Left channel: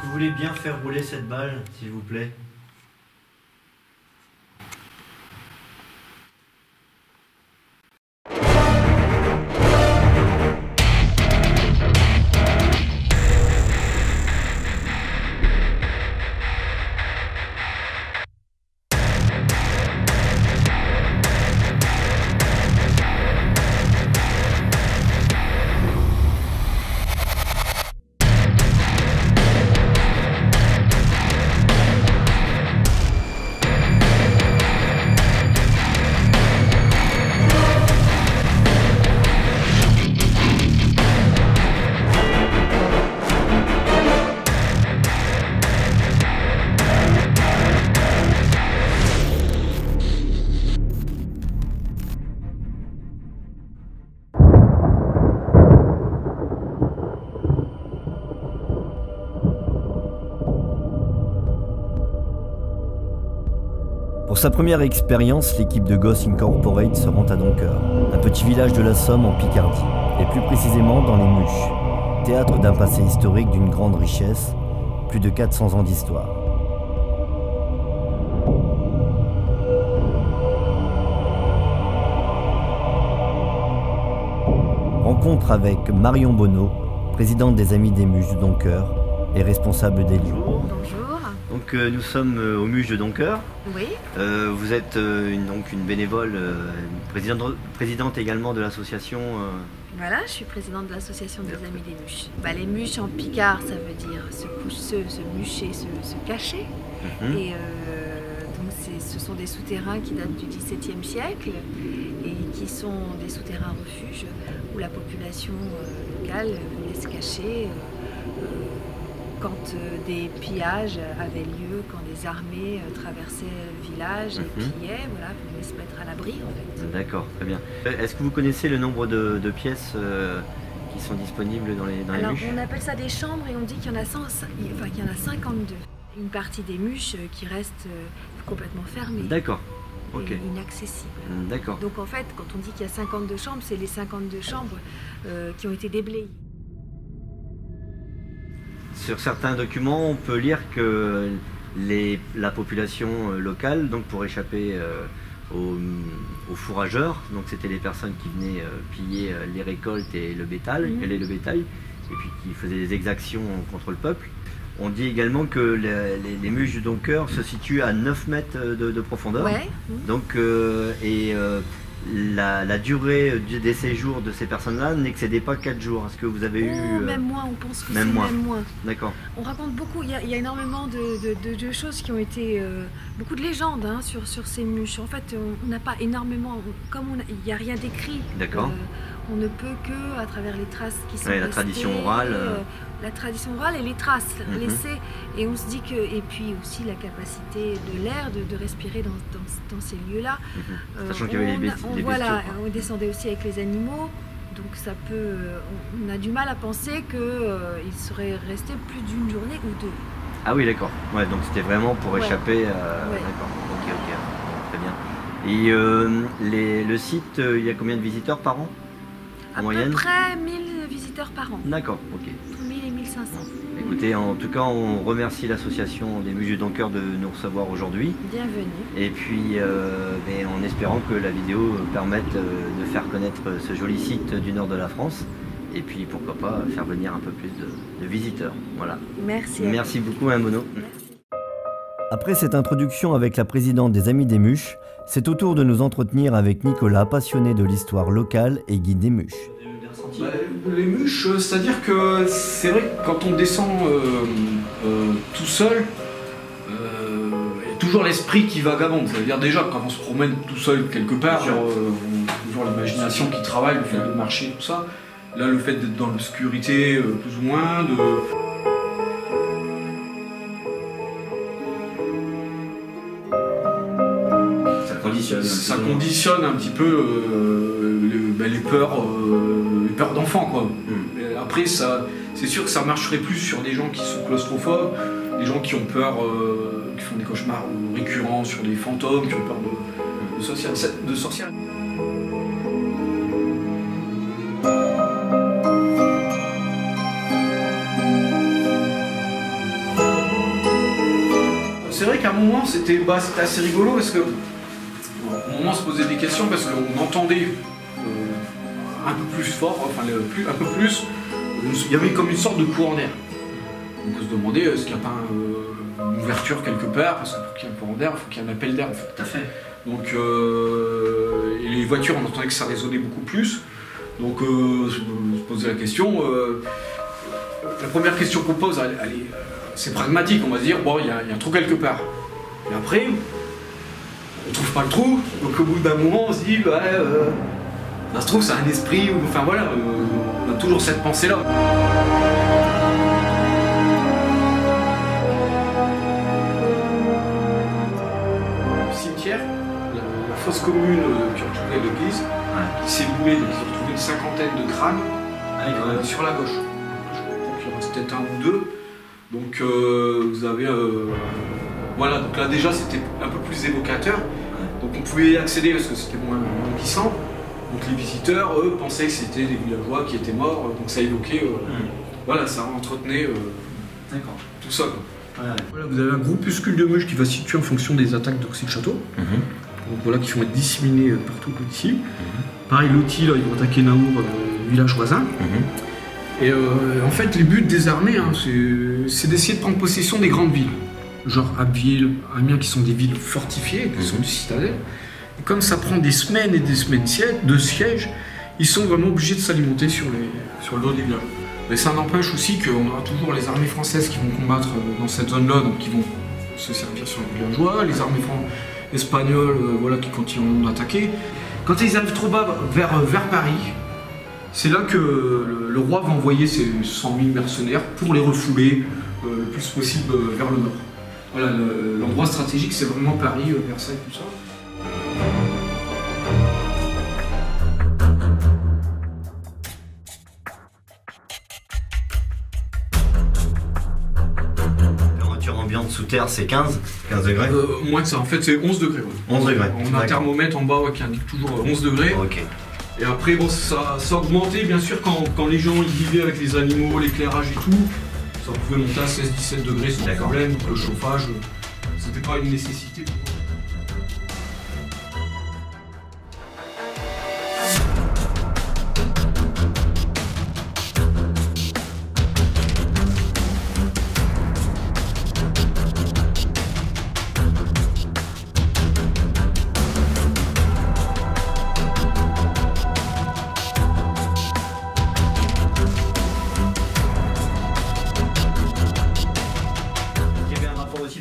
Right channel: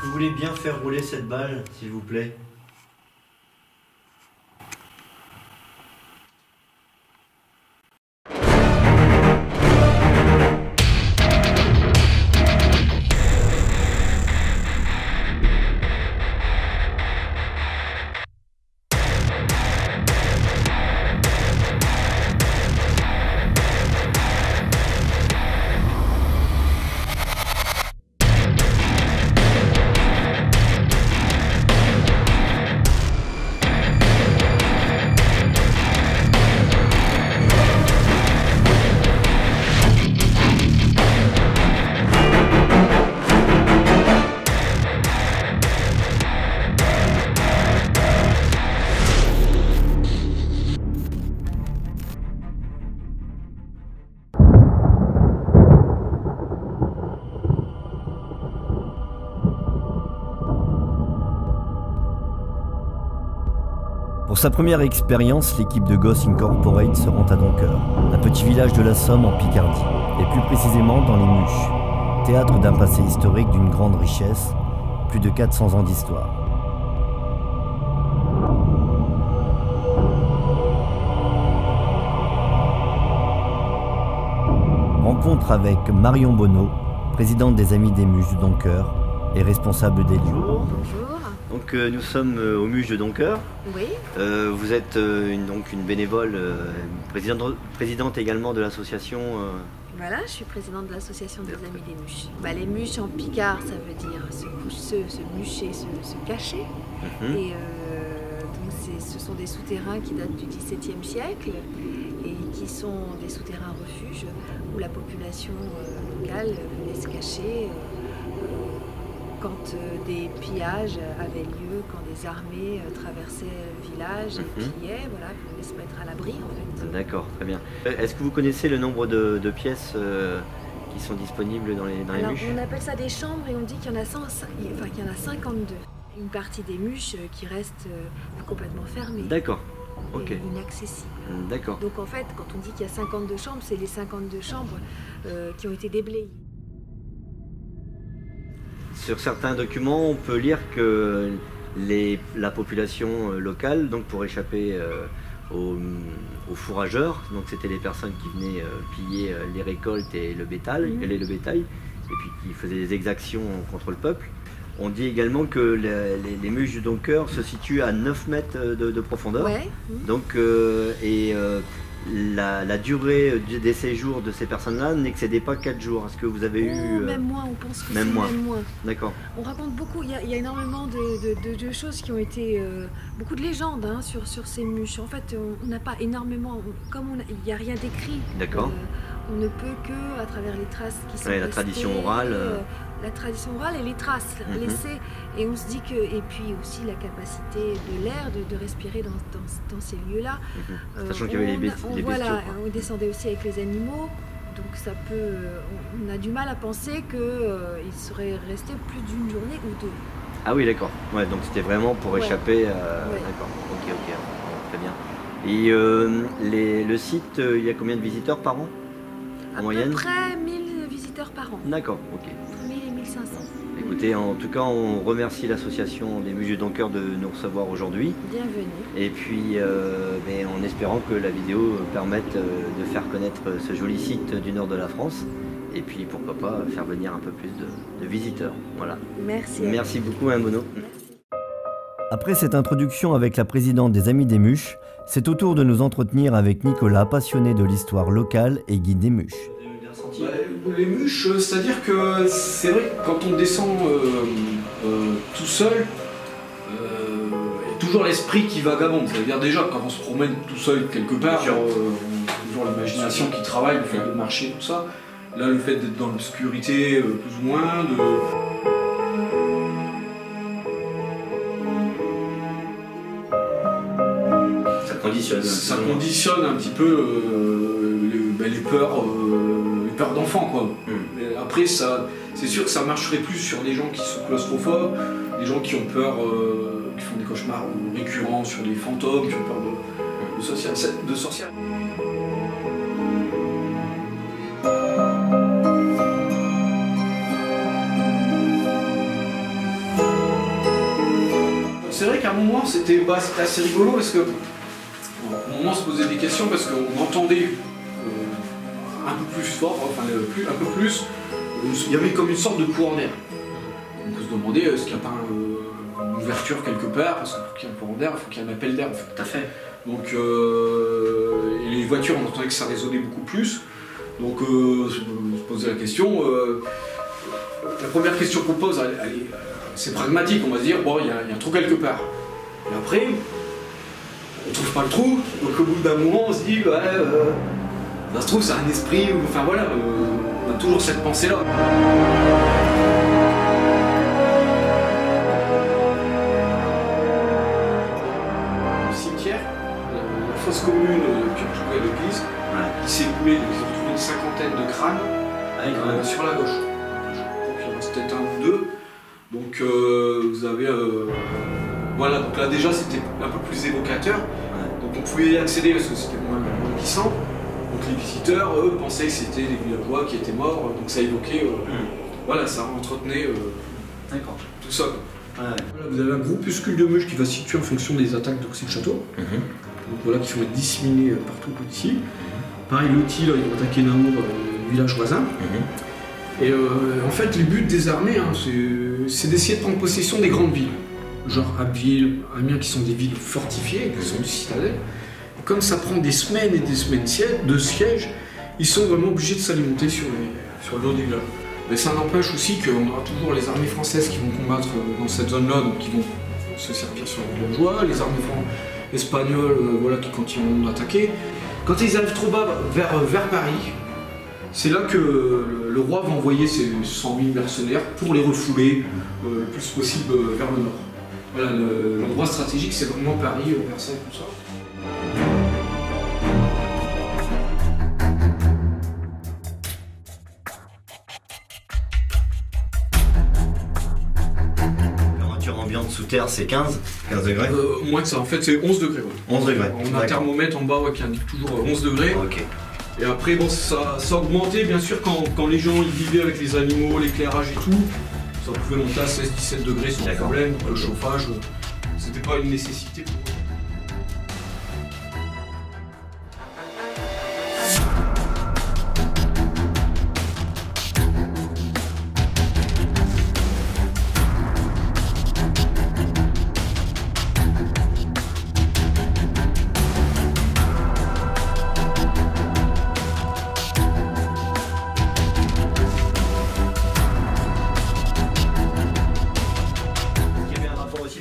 que vous voulez bien faire rouler cette balle, s'il vous plaît? Pour sa première expérience, l'équipe de Ghost Incorporate se rend à Doncoeur, un petit village de la Somme en Picardie, et plus précisément dans les Muches, théâtre d'un passé historique d'une grande richesse, plus de 400 ans d'histoire. Rencontre avec Marion Bonneau, présidente des Amis des Muches de Doncoeur et responsable des lieux. Bonjour. Bonjour. Donc nous sommes aux Muches de Doncoeur. Oui. Vous êtes donc une bénévole, présidente également de l'association. Voilà, je suis présidente de l'association des Amis des Muches. Les Muches en picard, ça veut dire se mucher, se cacher. Et donc ce sont des souterrains qui datent du XVIIe siècle et qui sont des souterrains refuges où la population locale venait se cacher quand des pillages avaient lieu, quand des armées traversaient le village et pillaient, voilà, pour se mettre à l'abri en fait. D'accord, très bien. Est-ce que vous connaissez le nombre de pièces qui sont disponibles dans les Muches? On appelle ça des chambres et on dit qu'il y en a 52. Une partie des Muches qui reste complètement fermée. D'accord. Et inaccessible. D'accord. Donc en fait, quand on dit qu'il y a 52 chambres, c'est les 52 chambres qui ont été déblayées. Sur certains documents, on peut lire que la population locale, donc pour échapper aux fourrageurs, donc c'était les personnes qui venaient piller les récoltes et le bétail, et puis qui faisaient des exactions contre le peuple. On dit également que les Muches de Doncoeur se situent à 9 mètres de profondeur. Ouais. Donc, la durée des séjours de ces personnes-là n'excédait pas 4 jours. Est-ce que vous avez eu... Même moins, on pense que c'est même moins. D'accord. On raconte beaucoup, il y a énormément de choses qui ont été... beaucoup de légendes sur ces Muches. En fait, on n'a pas énormément... Comme il n'y a rien d'écrit. D'accord. On ne peut que, à travers les traces qui sont la restées, tradition orale. La tradition orale et les traces laissées. Et on se dit que... Et puis aussi la capacité de l'air de respirer dans ces lieux-là. Sachant qu'il y avait les bestiaux. Voilà, on descendait aussi avec les animaux. Donc ça peut... on a du mal à penser qu'il serait resté plus d'une journée ou deux. Ah oui, d'accord. Ouais, donc c'était vraiment pour échapper... D'accord, ok, très bien. Et le site, il y a combien de visiteurs par an? En moyenne? À peu près 1000 visiteurs par an. D'accord, ok. Entre 1000 et 1500. Écoutez, en tout cas, on remercie l'association des Muches de Doncoeur de nous recevoir aujourd'hui. Bienvenue. Et puis, en espérant que la vidéo permette de faire connaître ce joli site du nord de la France. Et puis, pourquoi pas, faire venir un peu plus de visiteurs. Voilà. Merci. Merci beaucoup, Bonneau. Merci. Après cette introduction avec la présidente des Amis des Muches, c'est au tour de nous entretenir avec Nicolas, passionné de l'histoire locale et guide des Muches. Les Muches, c'est-à-dire que c'est vrai que quand on descend tout seul, il y a toujours l'esprit qui vagabonde. C'est-à-dire déjà quand on se promène tout seul quelque part, on a toujours l'imagination qui travaille, le fait de marcher, tout ça. Là, le fait d'être dans l'obscurité, plus ou moins, ça conditionne un petit peu les peurs d'enfants, quoi. Après, c'est sûr que ça marcherait plus sur des gens qui sont claustrophobes, des gens qui ont peur, qui font des cauchemars récurrents sur des fantômes, qui ont peur de sorcières. qu'à un moment c'était assez rigolo parce que au moment on se posait des questions parce qu'on entendait un peu plus fort, enfin un peu plus, il y avait comme une sorte de courant d'air. Donc on se demandait est-ce qu'il n'y a pas une ouverture quelque part, parce que pour qu'il y ait un courant d'air, il faut qu'il y ait un appel d'air en fait. Tout à fait. Donc et les voitures, on entendait que ça résonnait beaucoup plus. Donc je me posais la question. La première question qu'on pose, c'est pragmatique, on va se dire bon, il y a un trou quelque part. Et après, on trouve pas le trou, donc au bout d'un moment on se dit ça se trouve c'est un esprit, enfin voilà, on a toujours cette pensée-là. Le cimetière, la fosse commune qui entourait l'église, qui s'est boulée, donc ils ont retrouvé une cinquantaine de crânes sur la gauche. Je crois qu'il en reste peut-être un ou deux. Donc vous avez voilà, donc là déjà c'était un peu plus évocateur. Donc on pouvait y accéder parce que c'était moins glissant. Donc les visiteurs, eux, pensaient que c'était des villageois qui étaient morts, donc ça évoquait, voilà, ça entretenait tout ça. Voilà, vous avez un groupuscule de mouches qui va se situer en fonction des attaques d'Oxy-le-Château. Donc voilà, qui vont être disséminés partout ici. Pareil, Loti, là, ils vont attaquer Naour, le village voisin. Et en fait, les buts des armées, c'est d'essayer de prendre possession des grandes villes. Genre Abbeville, Amiens, qui sont des villes fortifiées, qui sont des citadelles. Et comme ça prend des semaines et des semaines de siège, ils sont vraiment obligés de s'alimenter sur le dos des villages. Mais ça n'empêche aussi qu'on aura toujours les armées françaises qui vont combattre dans cette zone-là, donc qui vont se servir sur les villageois, les armées espagnoles voilà, qui continueront d'attaquer. Quand ils arrivent trop bas vers Paris, c'est là que le roi va envoyer ses 100 000 mercenaires pour les refouler le plus possible vers le nord. Voilà, l'endroit stratégique, c'est vraiment Paris, Versailles, tout ça. Température ambiante sous terre, c'est 15 degrés. Moins que ça, en fait, c'est 11 degrés. Ouais. 11 degrés. On a un thermomètre en bas qui indique toujours 11 degrés. Ok. Et après, bon, ça augmentait bien sûr quand les gens ils vivaient avec les animaux, l'éclairage et tout. Ça pouvait monter à 16-17 degrés sans problème, donc le chauffage, c'était pas une nécessité pour eux.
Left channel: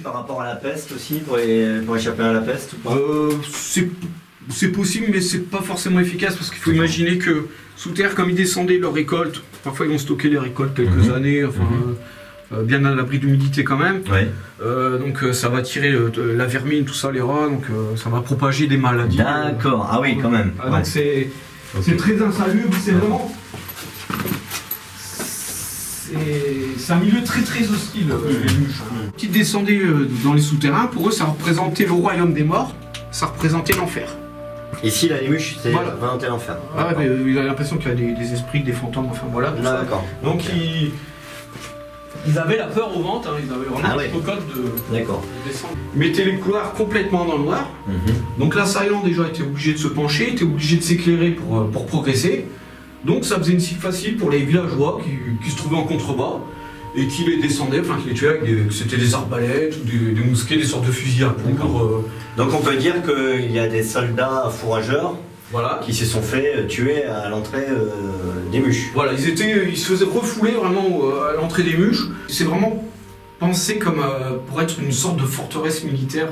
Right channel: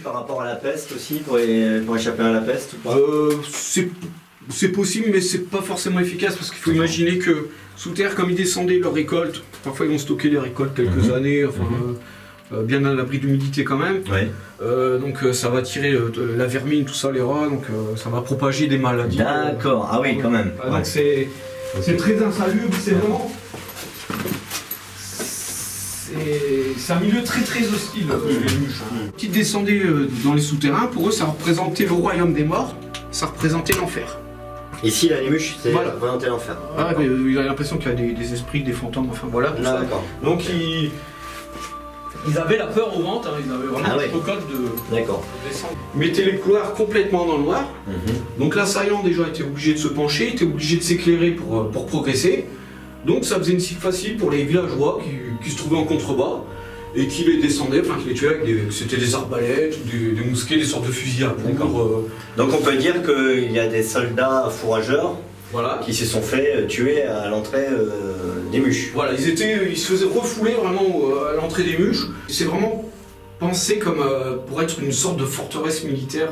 Par rapport à la peste aussi, pour échapper à la peste ou pas? C'est possible, mais c'est pas forcément efficace parce qu'il faut imaginer que sous terre, comme ils descendaient leurs récoltes, parfois ils vont stocker les récoltes quelques années, enfin, bien à l'abri d'humidité quand même. Donc ça va tirer la vermine, tout ça, les rats, donc ça va propager des maladies. D'accord, ah oui, quand même. Donc c'est très insalubre, c'est vraiment. C'est un milieu très hostile, les mouches. Qui descendaient dans les souterrains, pour eux ça représentait le royaume des morts, ça représentait l'enfer. Ici, là, les mouches, c'est représenté l'enfer. Ah, mais il a l'impression qu'il y a des esprits, des fantômes, enfin voilà. D'accord. Donc ils avaient la peur au ventre, ils avaient vraiment une cocotte de descendre. Ils mettaient les couloirs complètement dans le noir. Donc l'assaillant déjà était obligé de se pencher, était obligé de s'éclairer pour progresser. Donc ça faisait une cible facile pour les villageois qui se trouvaient en contrebas et qui les descendaient, enfin qui les tuaient avec c'était des arbalètes ou des mousquets, des sortes de fusils à poudre. Donc on peut dire qu'il y a des soldats fourrageurs qui se sont fait tuer à l'entrée des mouches. Voilà, ils se faisaient refouler vraiment à l'entrée des mouches. C'est vraiment pensé comme pour être une sorte de forteresse militaire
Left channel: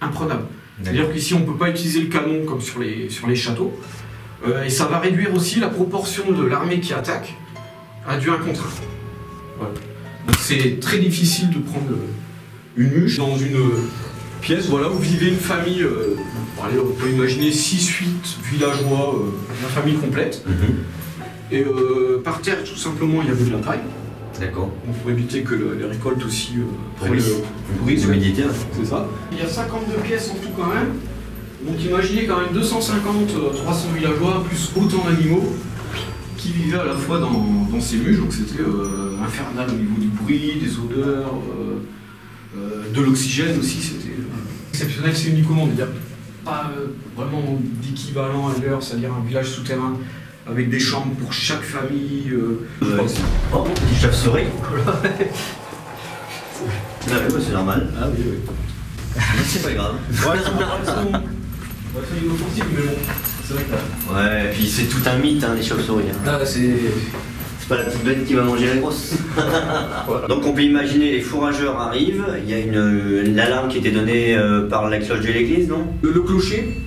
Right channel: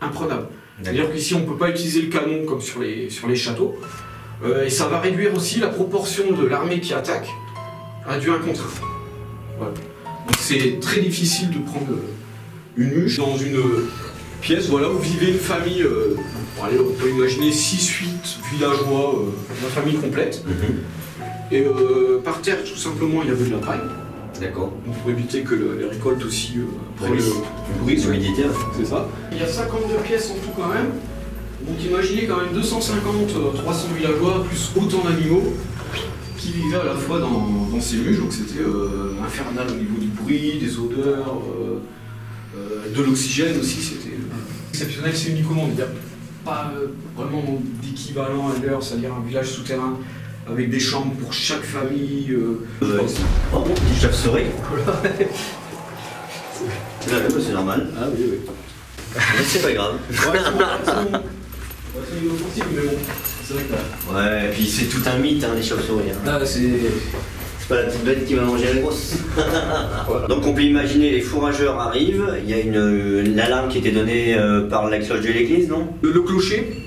imprenable. C'est-à-dire qu'ici on ne peut pas utiliser le canon comme sur les châteaux. Et ça va réduire aussi la proportion de l'armée qui attaque à du 1 contre 1. Voilà. Donc c'est très difficile de prendre une mouche dans une pièce où vivait une famille, allez, on peut imaginer 6-8 villageois, une famille complète. Et par terre, tout simplement, il y avait de la paille. D'accord. Pour éviter que les récoltes aussi brisent l'humidité. C'est ça. Il y a 52 pièces en tout quand même. Donc imaginez quand même 250-300 villageois, plus autant d'animaux qui vivaient à la fois dans ces mouches, donc c'était infernal au niveau du bruit, des odeurs, de l'oxygène aussi, Exceptionnel, c'est unique au monde. Il n'y a pas vraiment d'équivalent ailleurs, c'est-à-dire un village souterrain avec des chambres pour chaque famille. Oh, petit chauve-souris. C'est normal. Ah oui, oui. Mais c'est pas grave. Ouais, c'est inoffensif, mais bon, c'est vrai que là. Ouais, et puis c'est tout un mythe, hein, les chauves-souris. Hein. Là, c'est. C'est pas la petite bête qui va manger la grosse. Voilà. Donc on peut imaginer, les fourrageurs arrivent, il y a l'alarme qui était donnée par la cloche de l'église, non? Le clocher,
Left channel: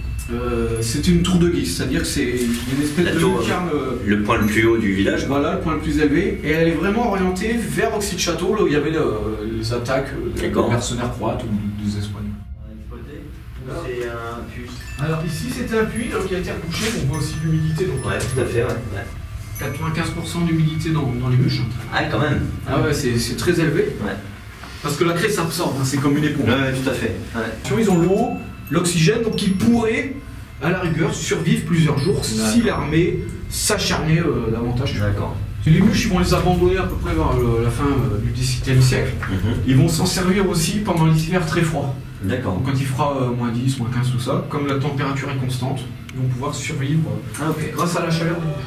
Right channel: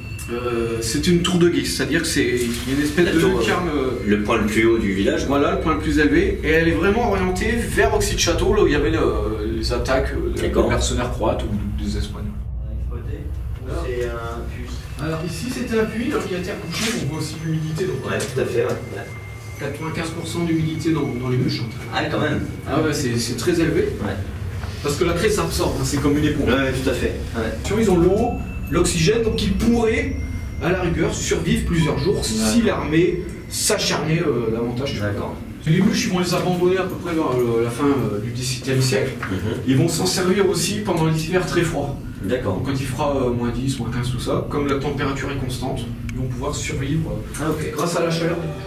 c'est une tour de guise, c'est-à-dire que c'est une espèce La de tour, lucarne. Le point le plus haut du village. Voilà, le point le plus élevé, et elle est vraiment orientée vers Auxy-de-Château, là où il y avait les attaques des mercenaires croates ou des Espagnols. C'est un puits. Alors ici c'était un puits qui a été recouché, on voit aussi l'humidité. Ouais, tout à fait, ouais. 95% d'humidité dans les bûches. Ah, quand même. Ah ouais, c'est très élevé. Ouais. Parce que la craie s'absorbe, hein, c'est comme une éponge. Ouais, tout à fait. Ouais. Ils ont l'eau, l'oxygène, donc ils pourraient, à la rigueur, survivre plusieurs jours si l'armée s'acharnait davantage. D'accord. Les bûches, ils vont les abandonner à peu près vers la fin du XVIIe siècle. Ils vont s'en servir aussi pendant les hivers très froids. D'accord. Donc quand il fera moins 10, moins 15, tout ça, comme la température est constante, ils vont pouvoir survivre grâce à la chaleur des bûches.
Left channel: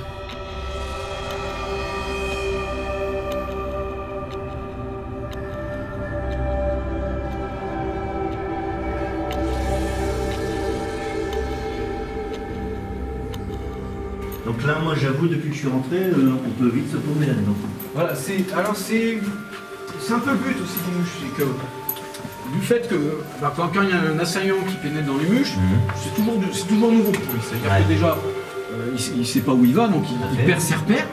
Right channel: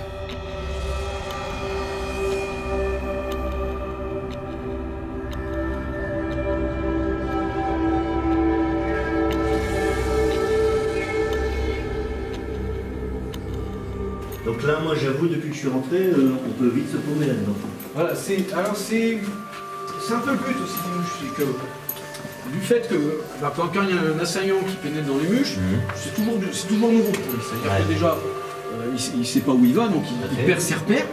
Donc là, moi j'avoue, depuis que je suis rentré, on peut vite se paumer là-dedans. Voilà, c'est un peu le but aussi des mûches, c'est que du fait que quand il y a un assaillant qui pénètre dans les mûches, c'est toujours nouveau pour lui. C'est-à-dire que déjà, il ne sait pas où il va, donc il perd ses repères,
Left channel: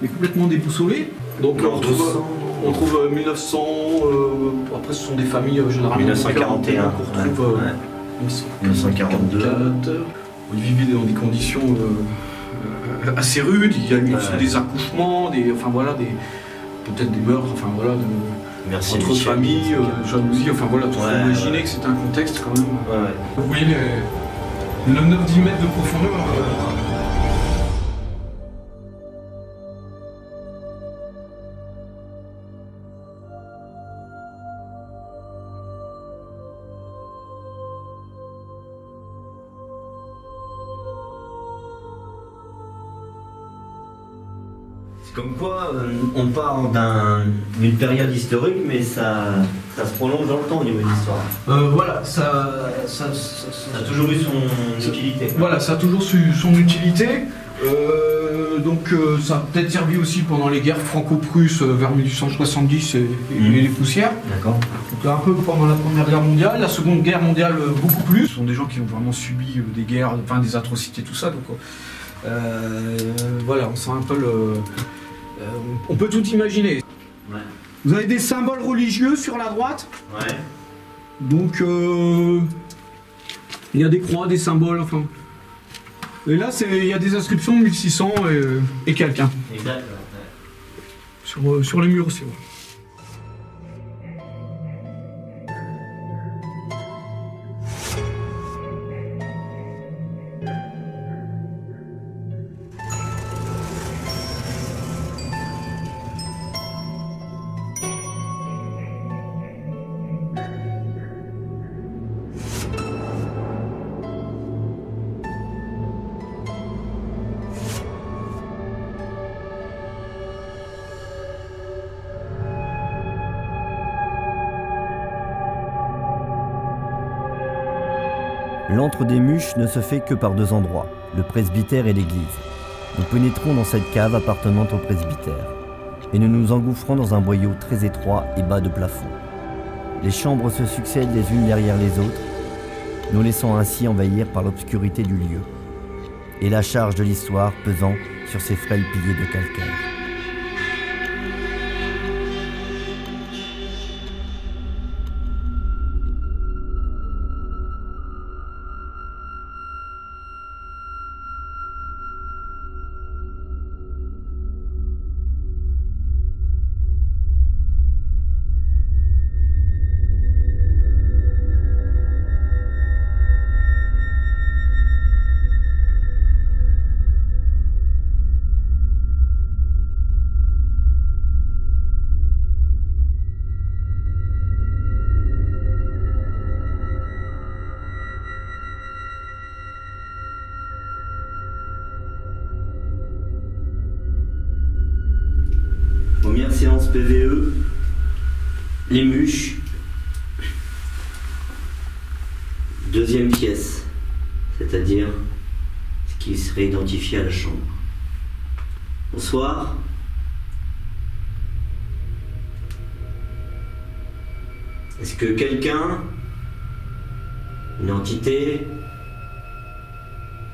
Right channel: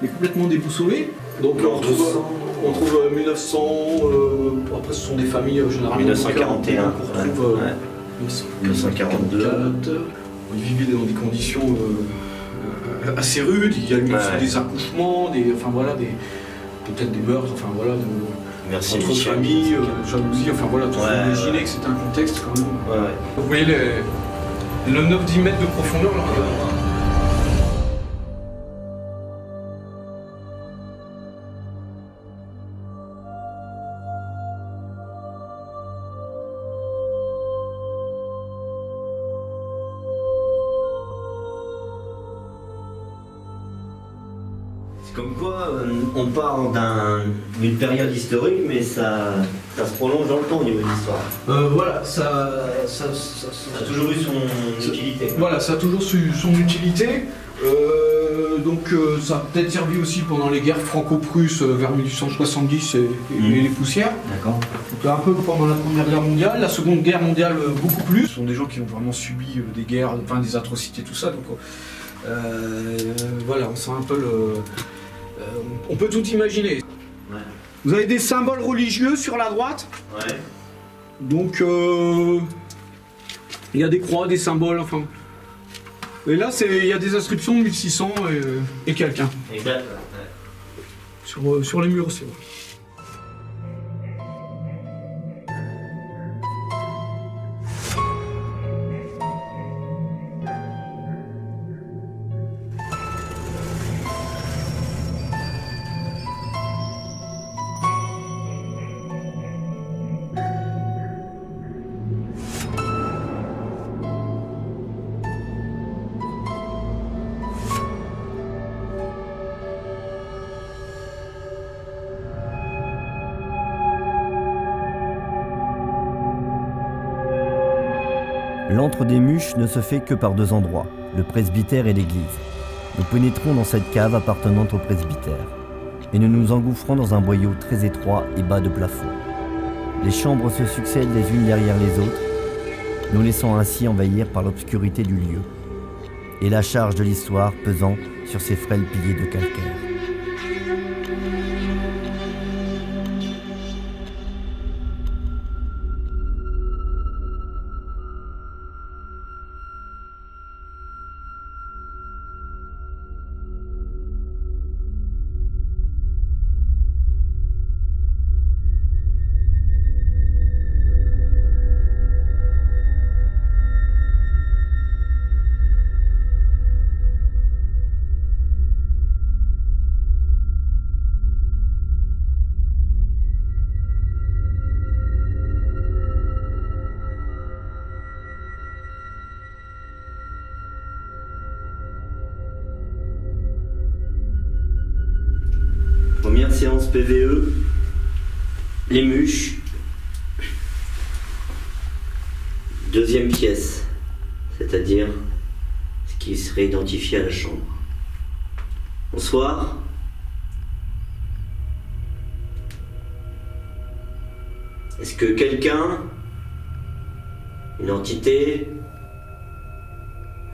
il est complètement déboussolé. Donc on trouve 1900, après ce sont des familles généralement 1941 qu'on retrouve 1942. Ils vivaient dans des conditions assez rudes, il y a eu des accouchements, peut-être des meurtres, entre familles, jalousie, tout imaginer que c'est un contexte quand même. Vous voyez le 9-10 mètres de profondeur là. Comme quoi, on part d'une période historique, mais ça se prolonge dans le temps au niveau de l'histoire. Voilà, ça a toujours eu son utilité. Voilà, ça a toujours eu son utilité. Ça a peut-être servi aussi pendant les guerres franco-prusses vers 1870 et les poussières. D'accord. Donc un peu pendant la Première Guerre mondiale, la Seconde Guerre mondiale beaucoup plus. Ce sont des gens qui ont vraiment subi des guerres, des atrocités, tout ça. Donc on sent un peu on peut tout imaginer. Ouais. Vous avez des symboles religieux sur la droite. Ouais. Donc il y a des croix, des symboles, Et là, il y a des inscriptions de 1600 et quelqu'un. Exact. Sur les murs aussi. Ouais. L'antre des Muches ne se fait que par deux endroits, le presbytère et l'église. Nous pénétrons dans cette cave appartenant au presbytère, et nous nous engouffrons dans un boyau très étroit et bas de plafond. Les chambres se succèdent les unes derrière les autres, nous laissant ainsi envahir par l'obscurité du lieu, et la charge de l'histoire pesant sur ces frêles piliers de calcaire. première séance PVE, les mûches. Deuxième pièce, c'est-à-dire ce qui serait identifié à la chambre. Bonsoir. Est-ce que quelqu'un, une entité,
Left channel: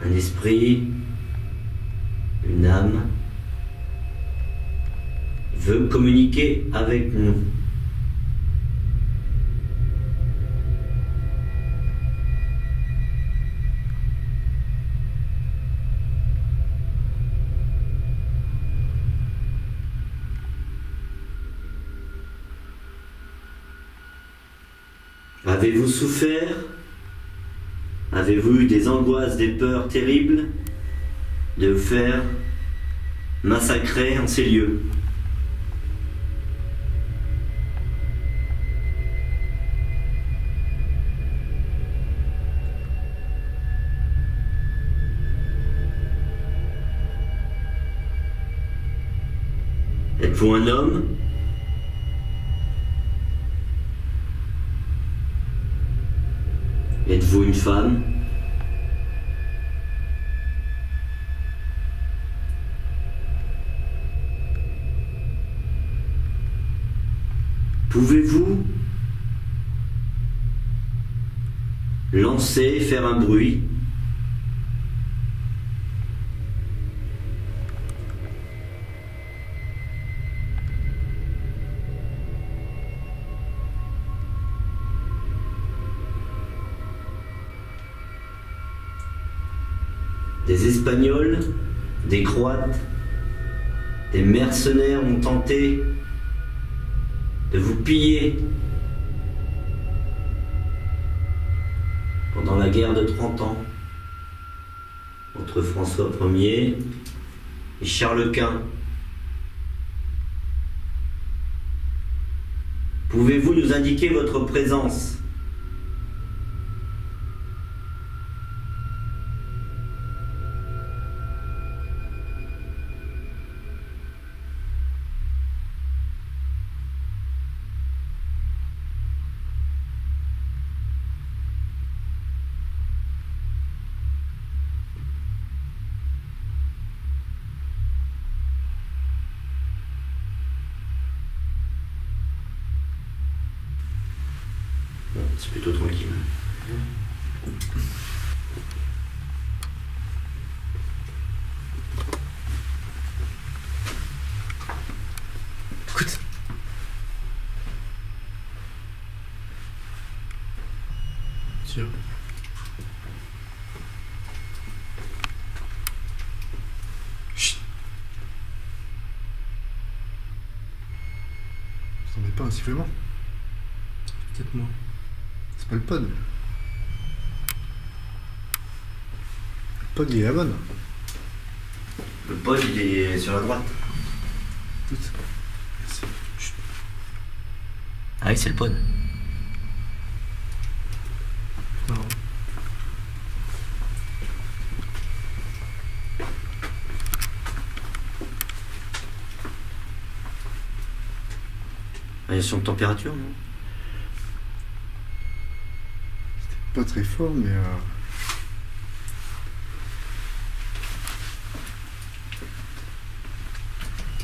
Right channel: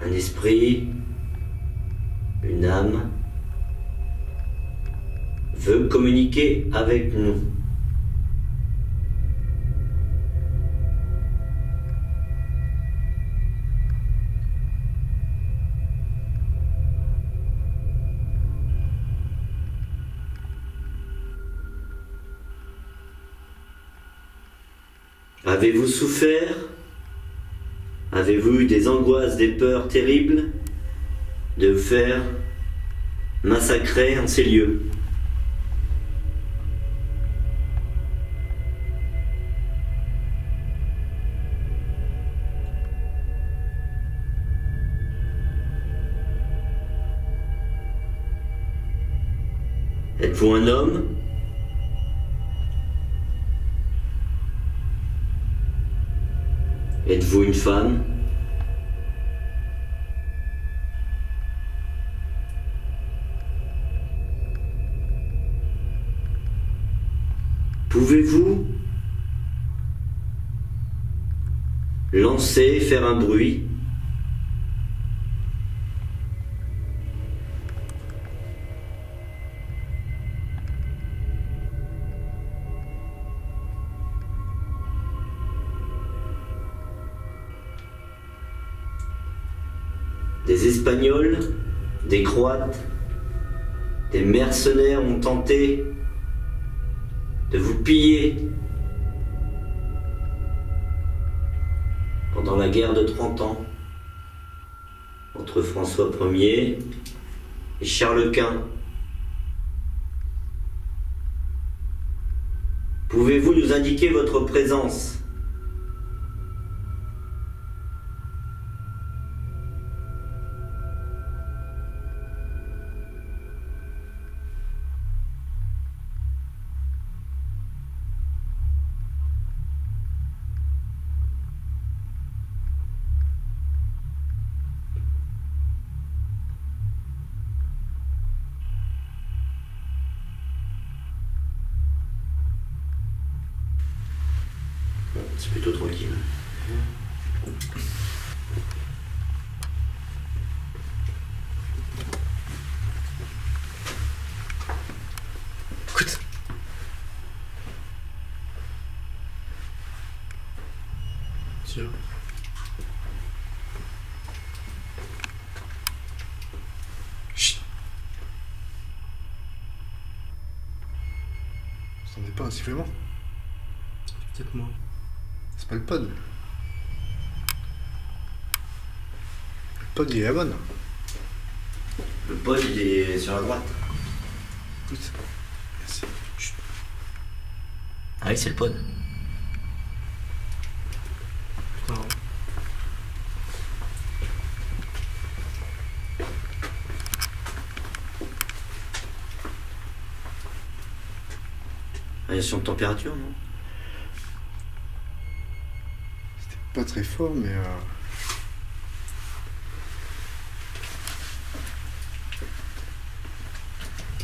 un esprit, une âme, veut communiquer avec nous? Avez-vous souffert? Avez-vous eu des angoisses, des peurs terribles de vous faire massacrer en ces lieux? Êtes-vous un homme? Êtes-vous une femme? Pouvez-vous lancer, faire un bruit? Des Espagnols, des Croates, des mercenaires ont tenté de vous piller pendant la guerre de 30 ans entre François Ier et Charles Quint. Pouvez-vous nous indiquer votre présence? C'est plutôt tranquille. Écoute. Tiens. Chut. Vous entendez pas un sifflement? Peut-être moi. C'est pas le pod. Le pod, il est à la bonne. Le pod, il est sur la droite. Écoute. Merci. Chut. Ah oui, c'est le pod. Non. Variation de température, non? Pas très fort, mais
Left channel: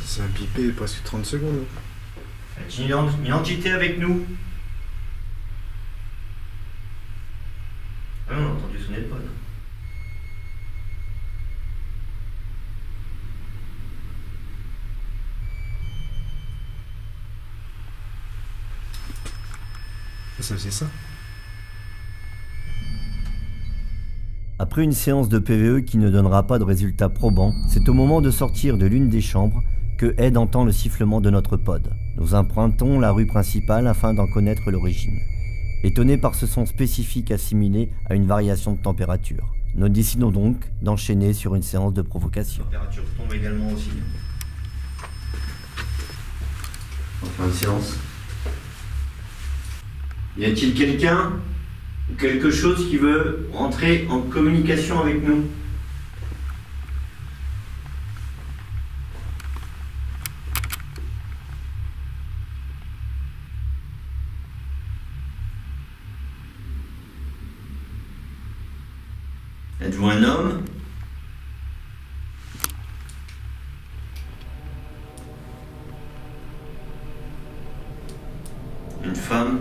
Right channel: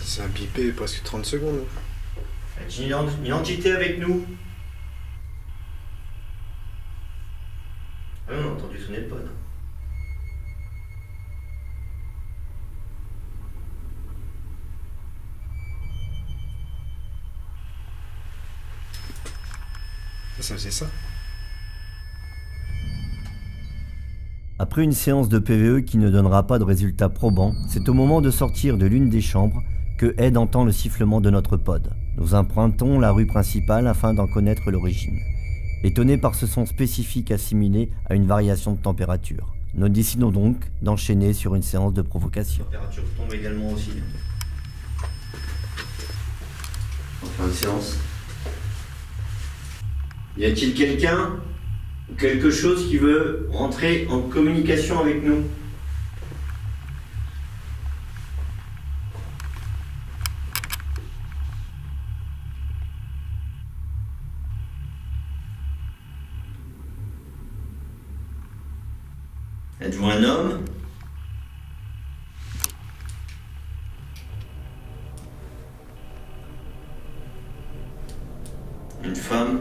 ça a bipé presque 30 secondes. Une entité avec nous. Ah, on a entendu sonner le pod. Ça faisait ça. Après une séance de PVE qui ne donnera pas de résultat probant, c'est au moment de sortir de l'une des chambres que Ed entend le sifflement de notre pod. Nous empruntons la rue principale afin d'en connaître l'origine. Étonné par ce son spécifique assimilé à une variation de température, nous décidons donc d'enchaîner sur une séance de provocation. La température tombe également aussi. On va faire une séance. Y a-t-il quelqu'un ou quelque chose qui veut rentrer en communication avec nous? Êtes-vous un homme? Une femme?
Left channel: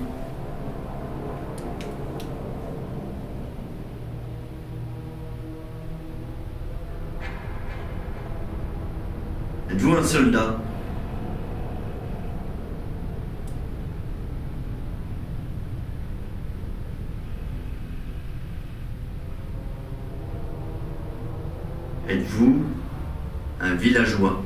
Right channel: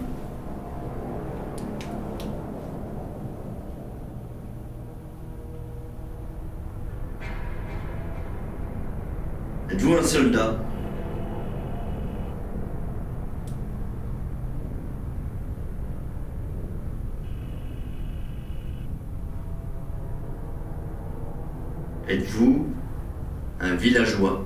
Êtes-vous un soldat? Êtes-vous un villageois?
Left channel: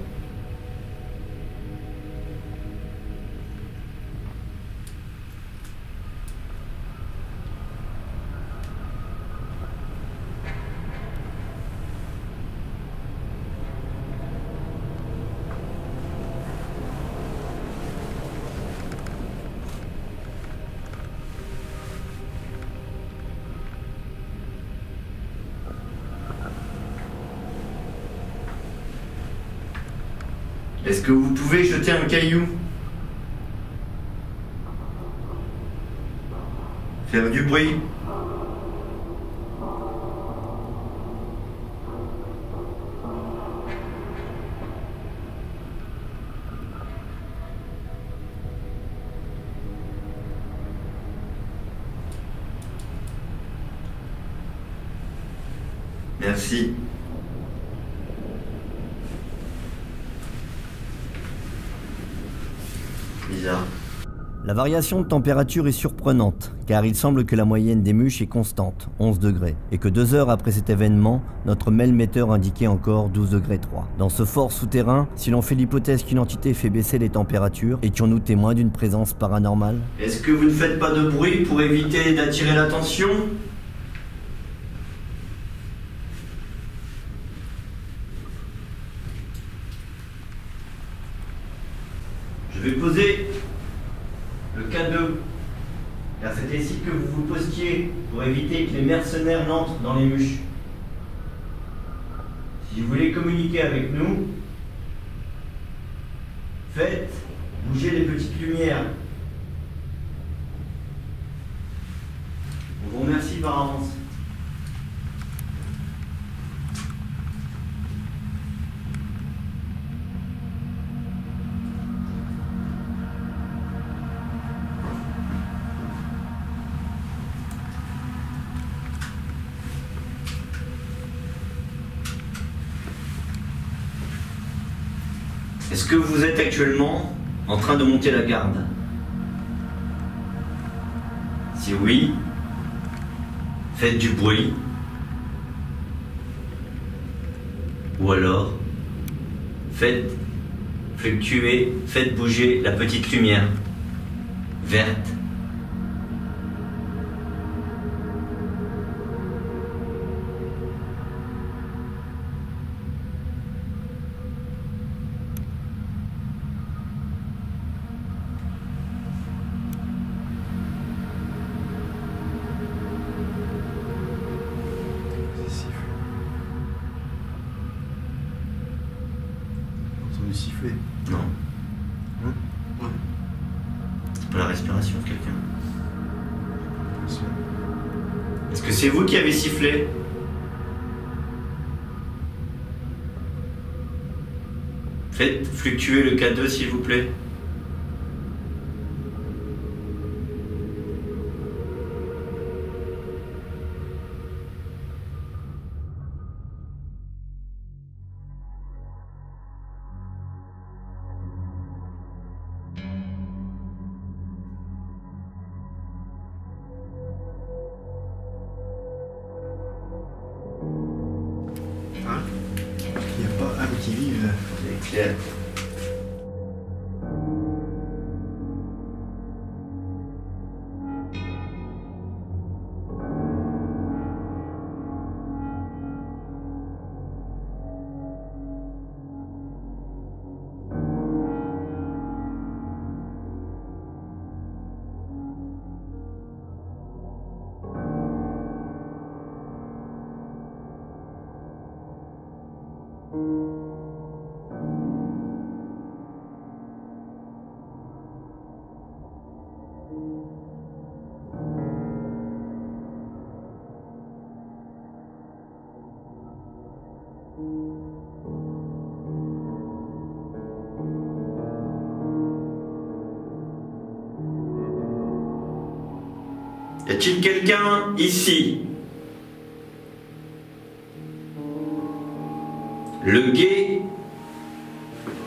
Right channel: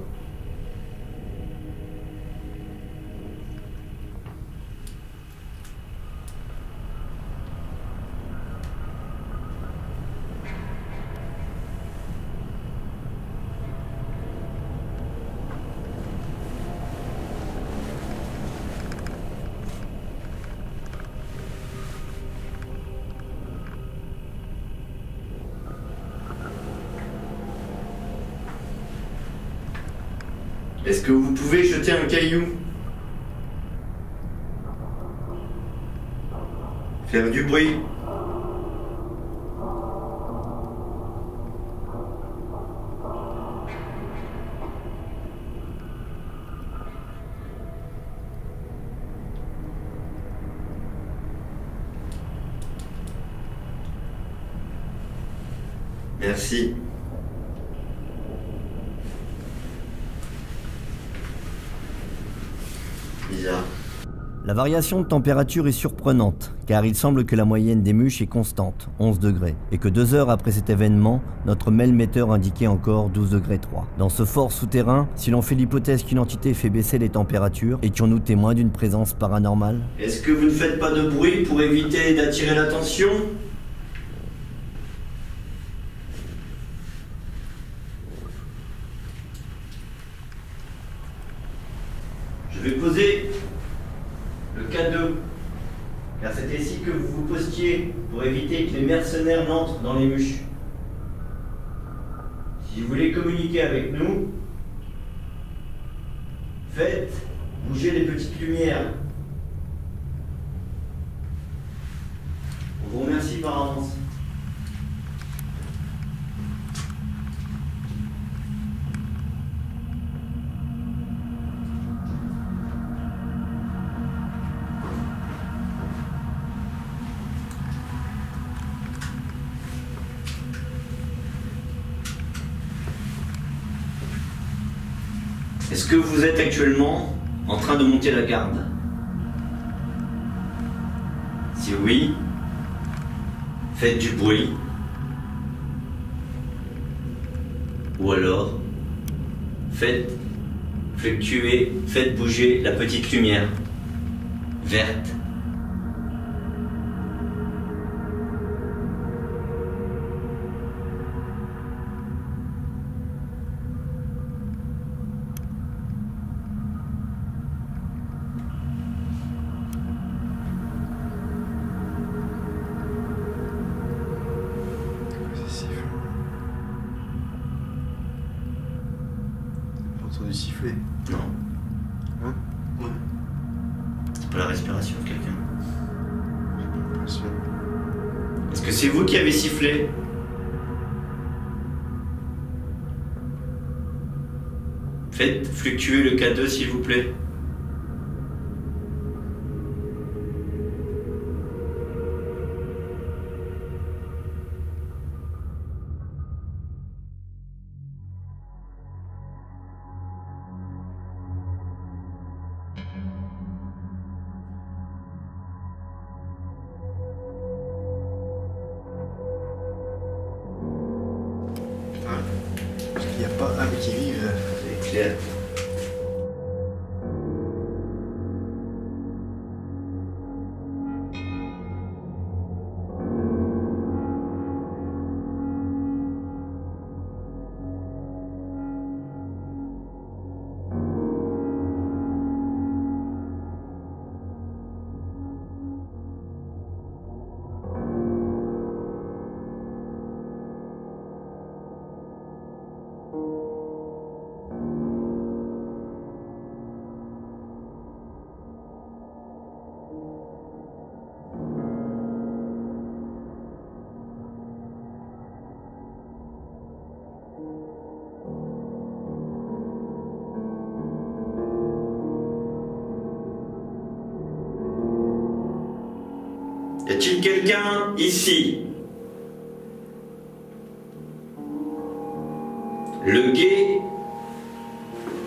Est-ce que vous pouvez jeter un caillou? Faire du bruit? Merci. Bizarre. La variation de température est surprenante, car il semble que la moyenne des mûches est constante, 11 degrés, et que 2 heures après cet événement, notre mail-metteur indiquait encore 12 degrés 3. Dans ce fort souterrain, si l'on fait l'hypothèse qu'une entité fait baisser les températures, étions-nous témoins d'une présence paranormale? Est-ce que vous ne faites pas de bruit pour éviter d'attirer l'attention? Je vais poser le K2, car c'est ici que vous vous postiez pour éviter que les mercenaires n'entrent dans les mûches. Si vous voulez communiquer avec nous, faites bouger les petites lumières. On vous remercie par avance. Est-ce que vous êtes actuellement en train de monter la garde? Si oui, faites du bruit. Ou alors, faites fluctuer, faites bouger la petite lumière verte. Entendu siffler. Non, Hein? Ouais. c'est pas la respiration de quelqu'un. J'ai l'impression. Est-ce que c'est vous qui avez sifflé? Faites fluctuer le K2 s'il vous plaît. Hein? Il n'y a pas âme qui vive. C'est clair. Y a-t-il quelqu'un ici?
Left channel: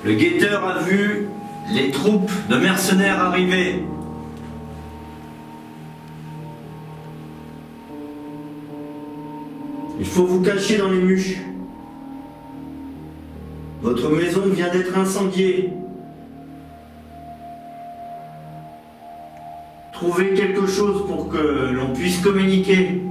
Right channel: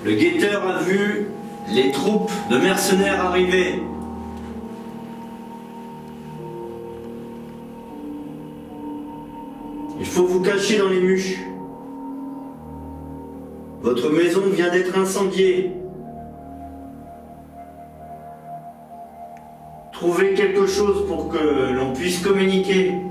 Le guetteur a vu les troupes de mercenaires arriver. Il faut vous cacher dans les muches. Votre maison vient d'être incendiée. Trouvez quelque chose pour que l'on puisse communiquer.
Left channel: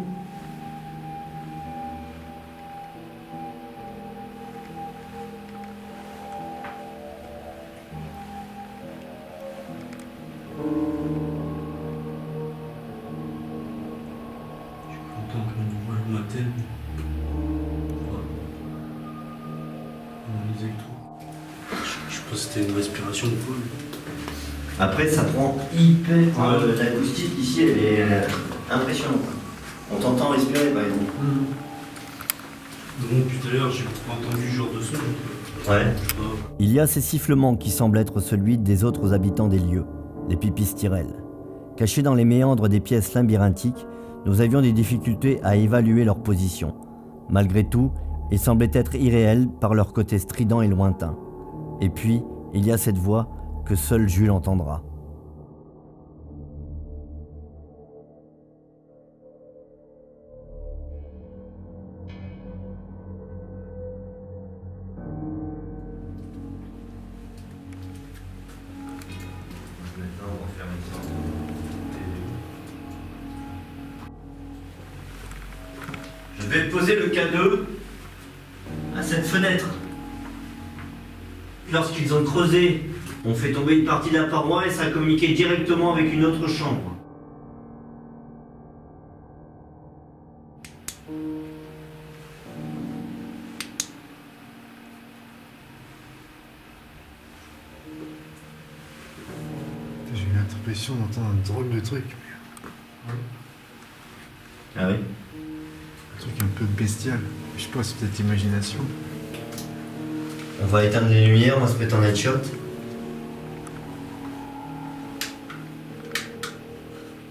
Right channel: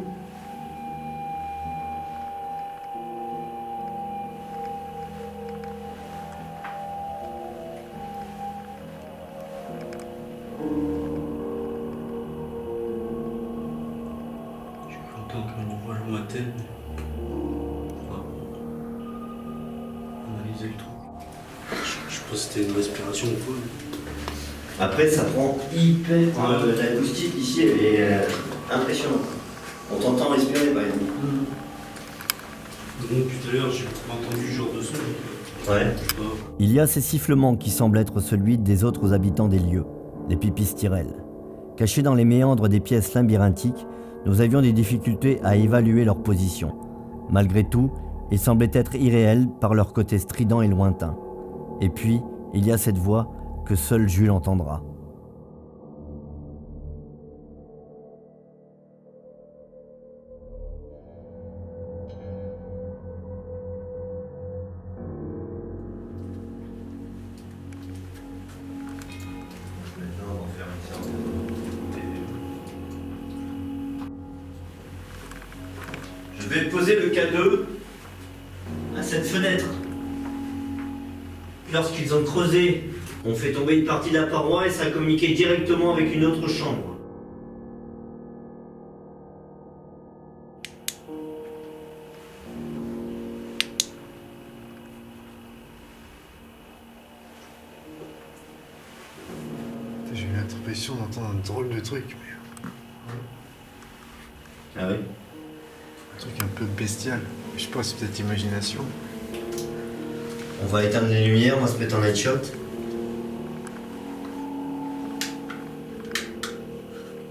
J'entends qu'on voit le matin. Analyser le trou. Je sais pas si c'était une respiration ou quoi. Après, ça prend hyper. L'acoustique ici, elle est impressionnante. On t'entend respirer, par exemple. Donc, tout à l'heure, j'ai pas entendu ce genre de son. Ouais. Il y a ces sifflements qui semblent être celui des autres habitants des lieux, les pipistrelles. Cachés dans les méandres des pièces labyrinthiques, nous avions des difficultés à évaluer leur position. Malgré tout, ils semblaient être irréels par leur côté strident et lointain. Et puis, il y a cette voix que seul Jules entendra. Je vais poser le K2 à cette fenêtre. Lorsqu'ils ont creusé, on fait tomber une partie de la paroi et ça a communiqué directement avec une autre chambre. J'ai eu l'impression d'entendre un drôle de truc. Ah oui? Un truc un peu bestial. Je sais pas, c'est peut-être imagination. On va éteindre les lumières, on va se mettre en headshot.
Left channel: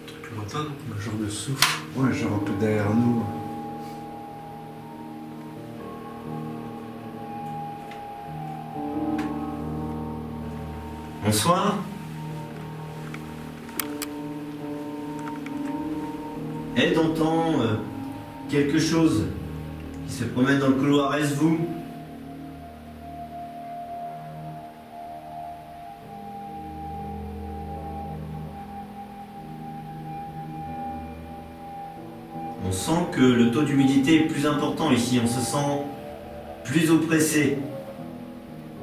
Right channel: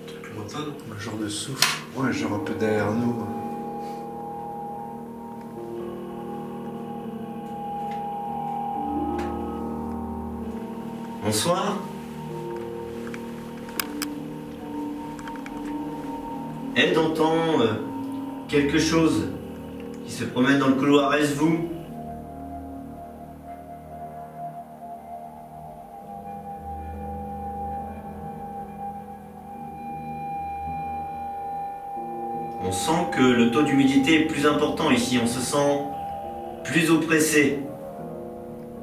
Truc lointain, non? Un genre de souffle. Ouais, genre un peu derrière nous. Bonsoir. Ed entend quelque chose qui se promène dans le couloir. Est-ce vous? On sent que le taux d'humidité est plus important ici. On se sent plus oppressé,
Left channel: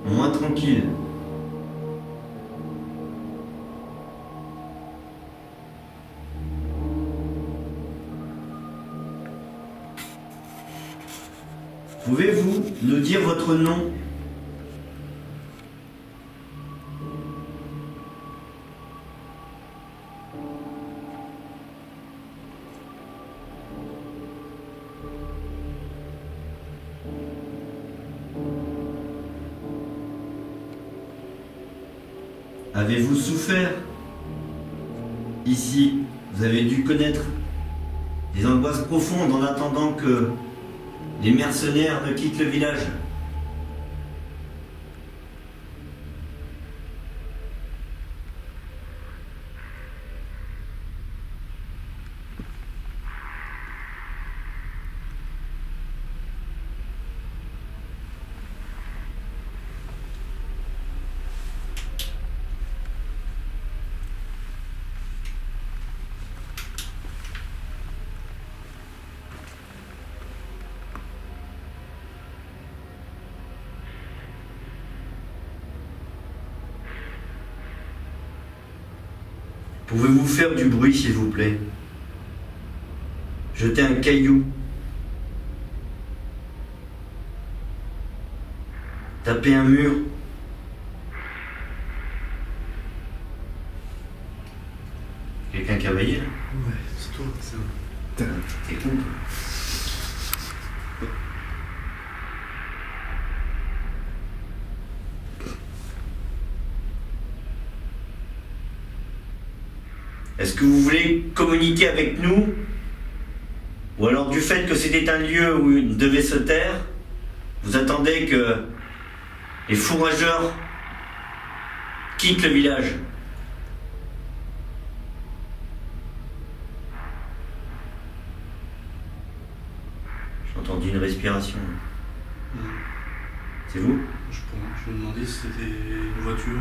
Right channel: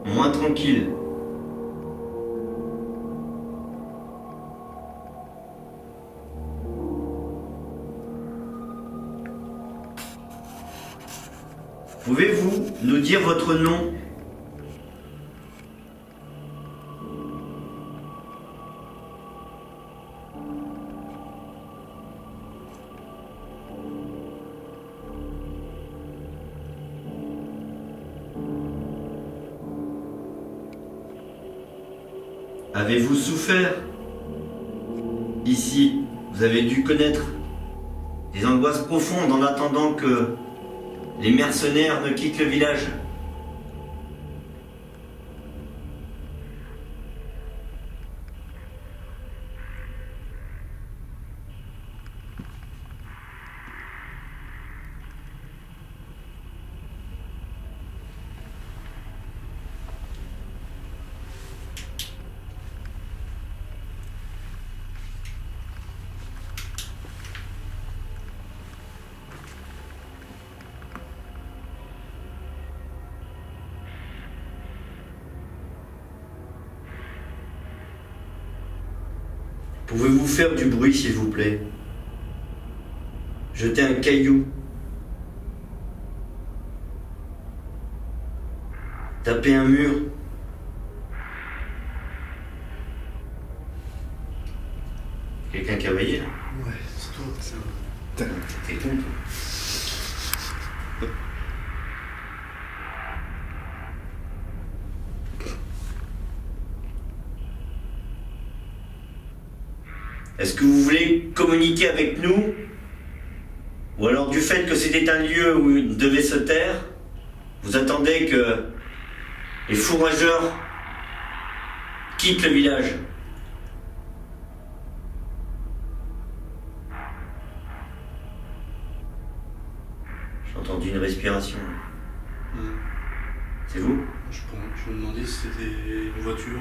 moins tranquille. Pouvez-vous nous dire votre nom? Avez-vous souffert? Ici, vous avez dû connaître des angoisses profondes en attendant que les mercenaires ne quittent le village. Pouvez-vous faire du bruit, s'il vous plaît? Jetez un caillou. Tapez un mur. Quelqu'un qui a veillé, là? Ouais, c'est toi, ça. T'es con, toi. Est-ce que vous voulez communiquer avec nous? Ou alors du fait que c'était un lieu où il devait se taire, vous attendez que les fourrageurs quittent le village? J'ai entendu une respiration. C'est vous? Je me demandais si c'était une voiture.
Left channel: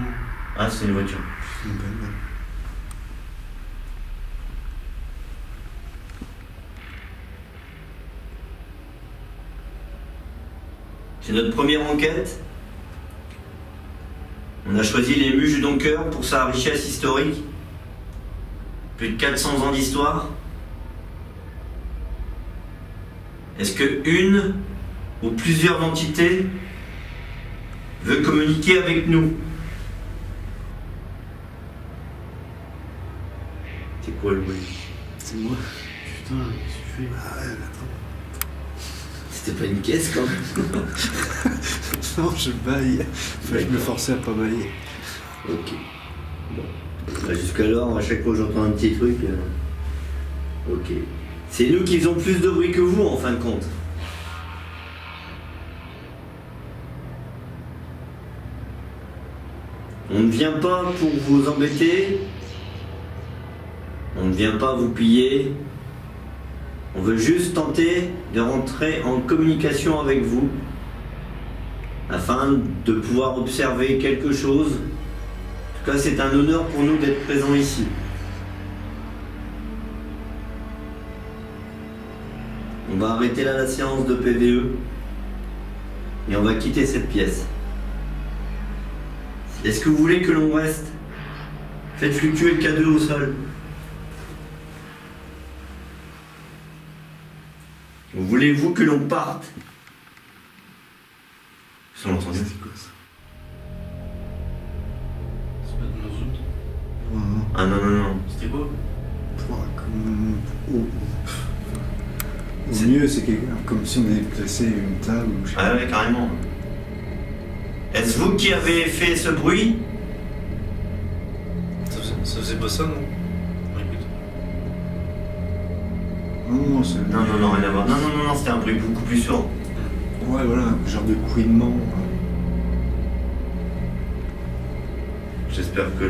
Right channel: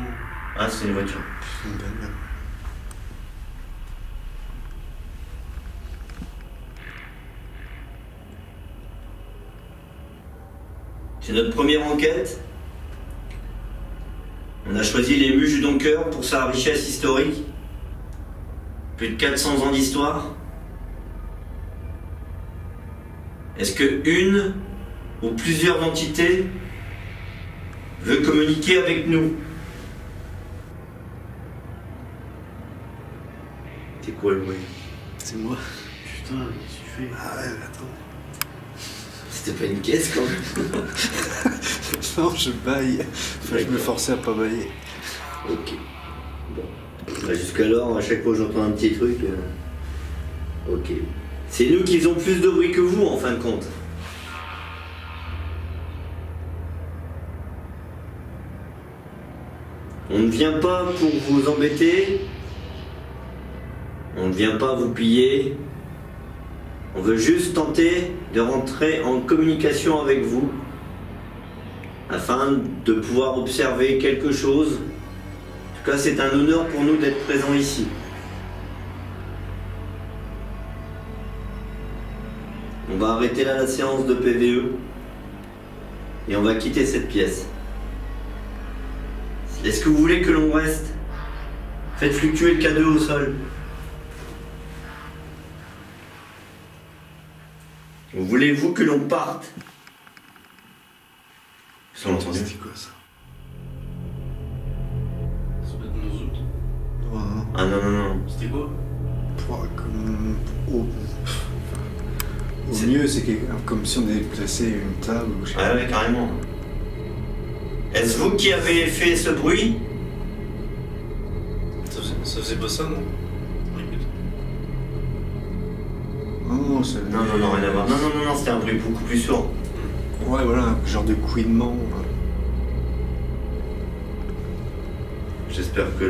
Ah, c'est une voiture. C'est une bagnole. C'est notre première enquête. On a choisi les Muches du Donker pour sa richesse historique. Plus de 400 ans d'histoire. Est-ce que une ou plusieurs entités veut communiquer avec nous? C'est quoi le bruit? C'est moi. Putain, qu'est-ce que tu fais? Ah ouais, attends. C'était pas une caisse quand même. Non, je baille. Enfin, je me forçais à pas bailler. Ok. Bon. Bah, jusqu'alors, à chaque fois que j'entends un petit truc. Ok. C'est nous qui faisons plus de bruit que vous en fin de compte. On ne vient pas pour vous embêter. On ne vient pas vous piller. On veut juste tenter de rentrer en communication avec vous afin de pouvoir observer quelque chose. En tout cas, c'est un honneur pour nous d'être présents ici. On va arrêter là la séance de PVE et on va quitter cette pièce. Est-ce que vous voulez que l'on reste? Faites fluctuer le K2 au sol. Voulez-vous que l'on parte? Ils ont entendu. C'était quoi ça? Ça peut être mon zoom. Non, non. Ah non, non, non. C'était quoi? Comme au mieux, c'est comme si on avait placé une table ou je sais Ah pas. ouais, carrément. Est-ce vous qui avez fait ce bruit? Ça faisait pas ça, non? Écoute. Non, c'est. Non, non, non, rien à voir. Non, non, non, non, c'était un bruit beaucoup plus sourd. Ouais, voilà, un genre de couinement. J'espère que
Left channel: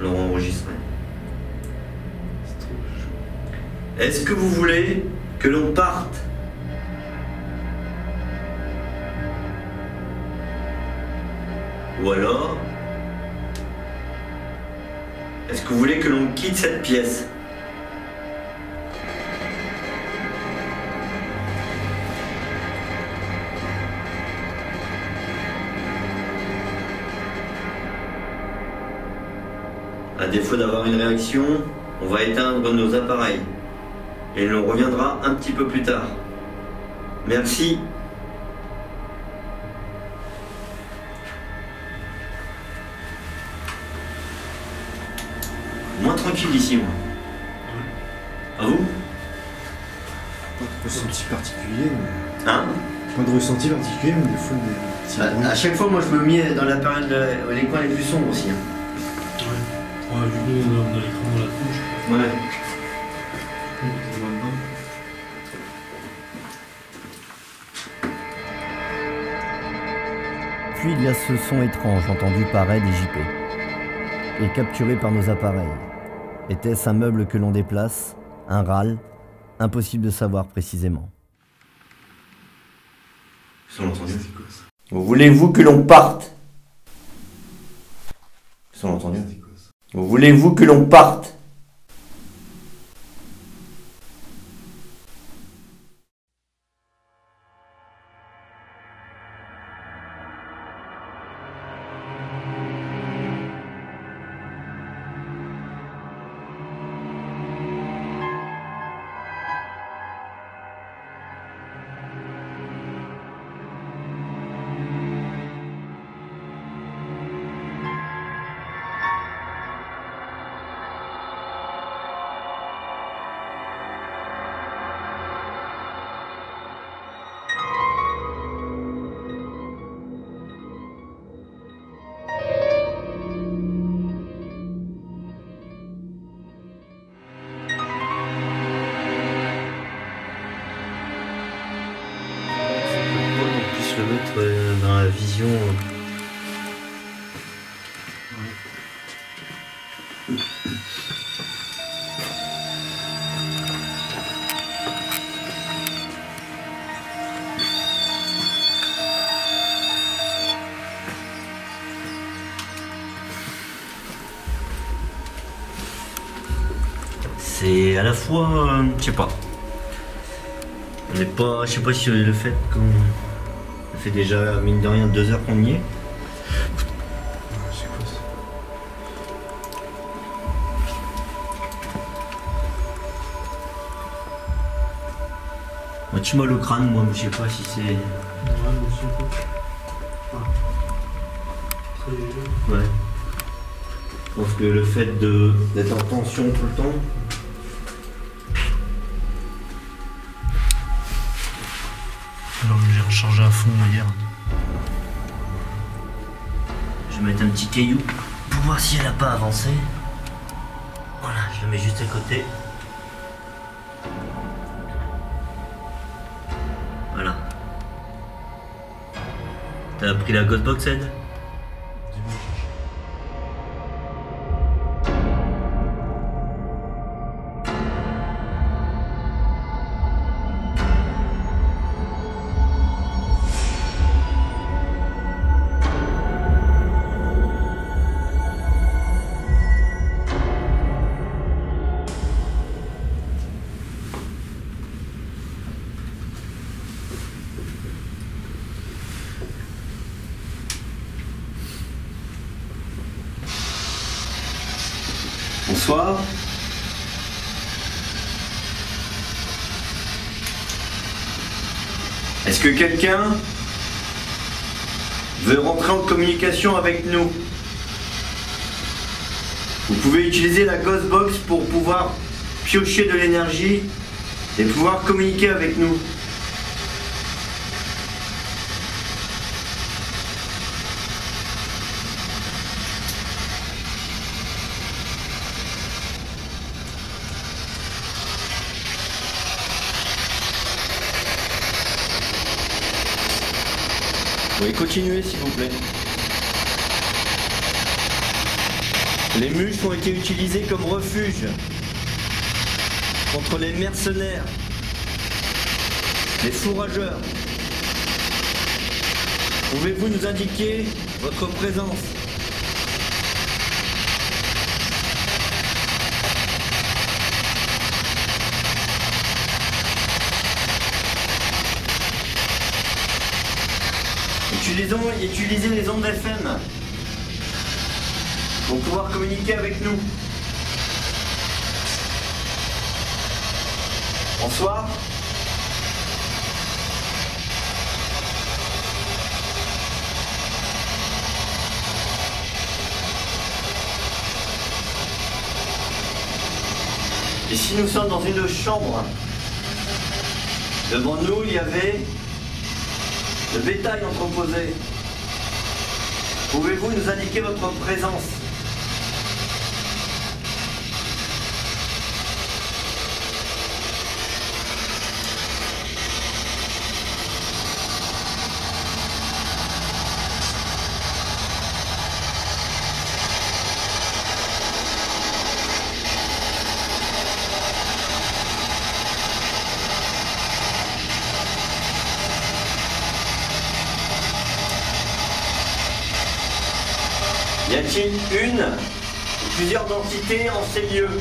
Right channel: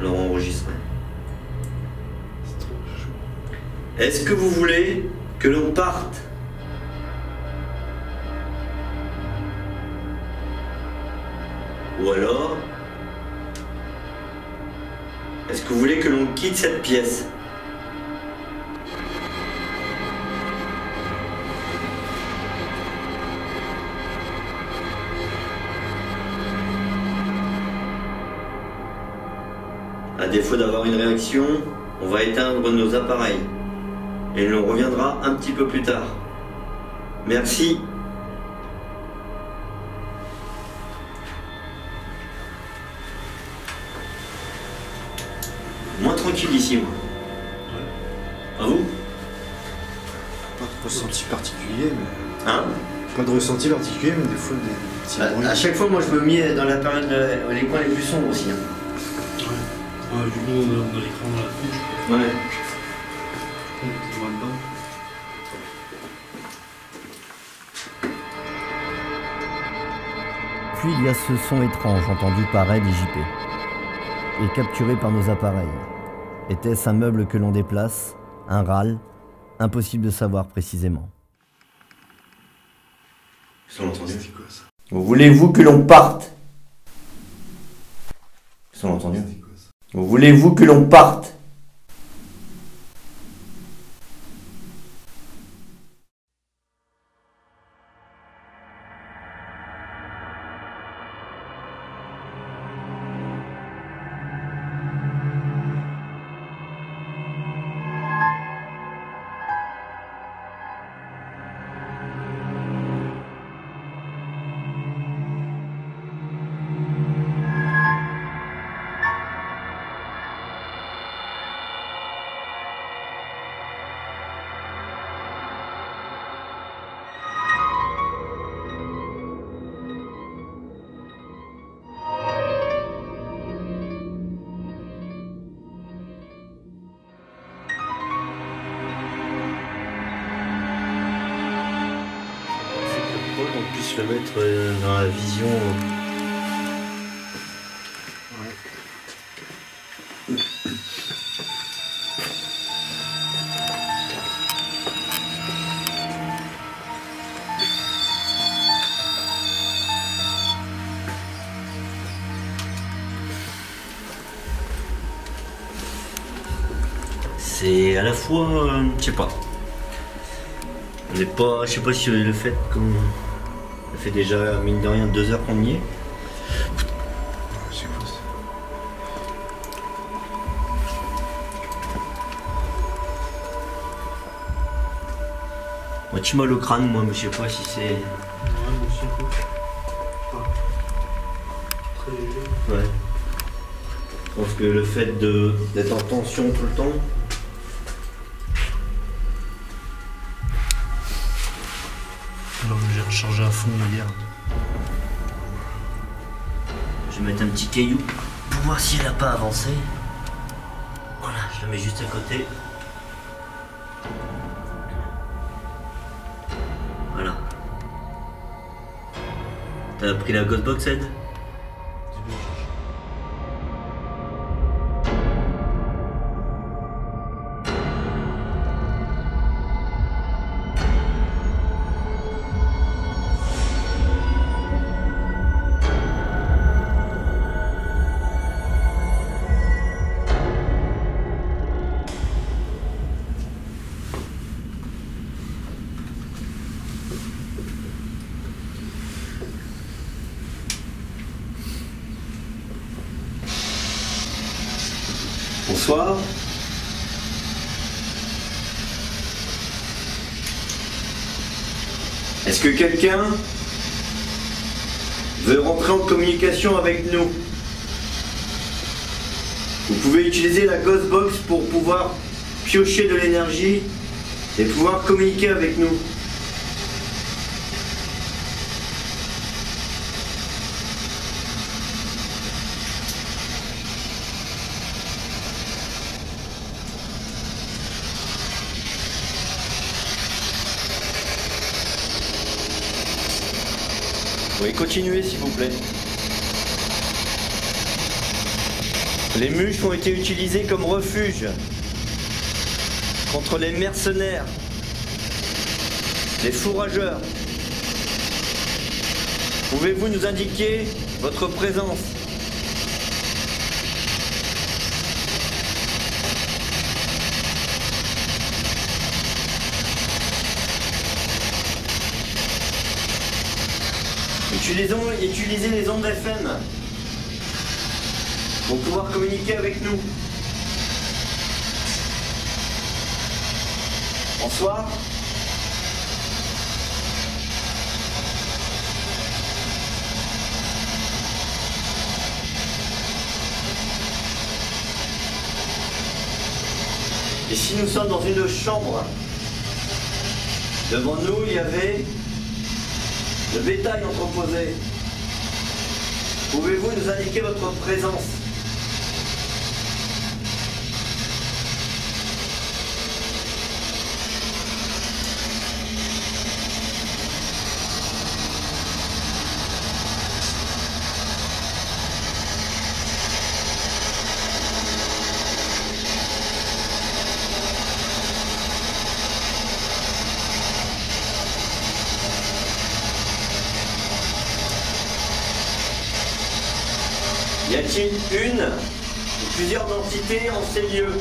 l'aura enregistré. C'est trop chaud. Est-ce que vous voulez que l'on parte? Ou alors, est-ce que vous voulez que l'on quitte cette pièce? À défaut d'avoir une réaction, on va éteindre nos appareils. Et l'on reviendra un petit peu plus tard. Merci. Moins tranquille ici, moi. À vous? Pas de ressenti particulier, mais. Hein? Pas de ressenti particulier, mais des fois des petits bruits. À chaque fois, moi, je me mets dans la période, les coins les plus sombres aussi. Hein. Ouais. Du coup, on a l'écran dans la bouche. Ouais. On était moins dedans. Puis il y a ce son étrange entendu par Ed et JP, et capturé par nos appareils. Était-ce un meuble que l'on déplace? Un râle? Impossible de savoir précisément. Ils ont entendu. C'est quoi ça? Voulez-vous que l'on parte? Ils ont entendu. C'est quoi ça? Voulez-vous que l'on parte? le mettre dans la vision. C'est à la fois, je sais pas. On n'est pas, je sais pas si le fait qu'on ça fait déjà mine de rien 2 heures qu'on y est. C'est quoi ça? Moi, tu m'as le crâne, moi, mais je sais pas si c'est. Ouais, mais je sais pas. Ah. Très. Ouais. Je pense que le fait d'être en tension tout le temps. Alors que j'ai rechargé à fond hier. Je vais mettre un petit caillou pour voir si elle n'a pas avancé. Voilà, je le mets juste à côté. Voilà. T'as pris la Ghostbox, Ed? Dis-moi, je cherche. Bonsoir. Est-ce que quelqu'un veut rentrer en communication avec nous? Vous pouvez utiliser la Ghostbox pour pouvoir piocher de l'énergie et pouvoir communiquer avec nous. Oui, continuez s'il vous plaît. Les mûches ont été utilisées comme refuge contre les mercenaires, les fourrageurs. Pouvez-vous nous indiquer votre présence? Utilisez les ondes FM pour pouvoir communiquer avec nous. Bonsoir. Ici nous sommes dans une chambre. Devant nous il y avait le bétail entreposé. Pouvez-vous nous indiquer votre présence? Y a-t-il une ou plusieurs entités en ces lieux?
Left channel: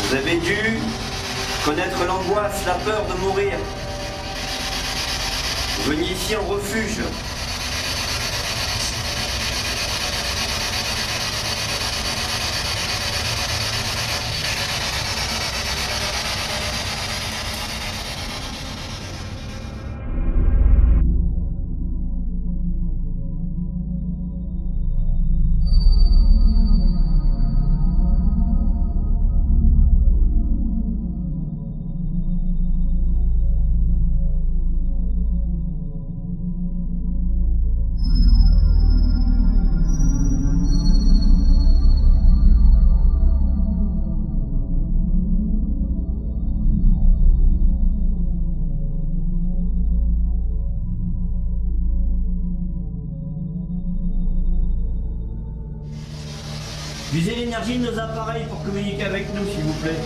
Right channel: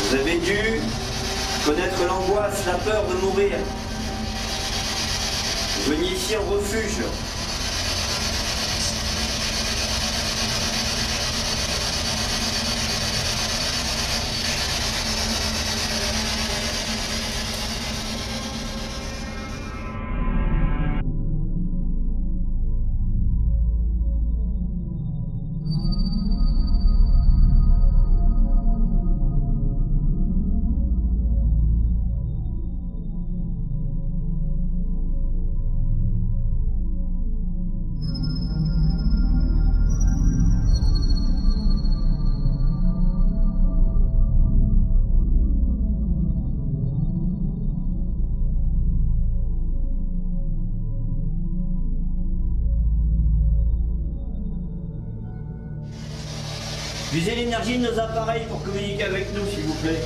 Vous avez dû connaître l'angoisse, la peur de mourir. Vous veniez ici en refuge. Usez l'énergie de nos appareils pour communiquer avec nous, s'il vous plaît.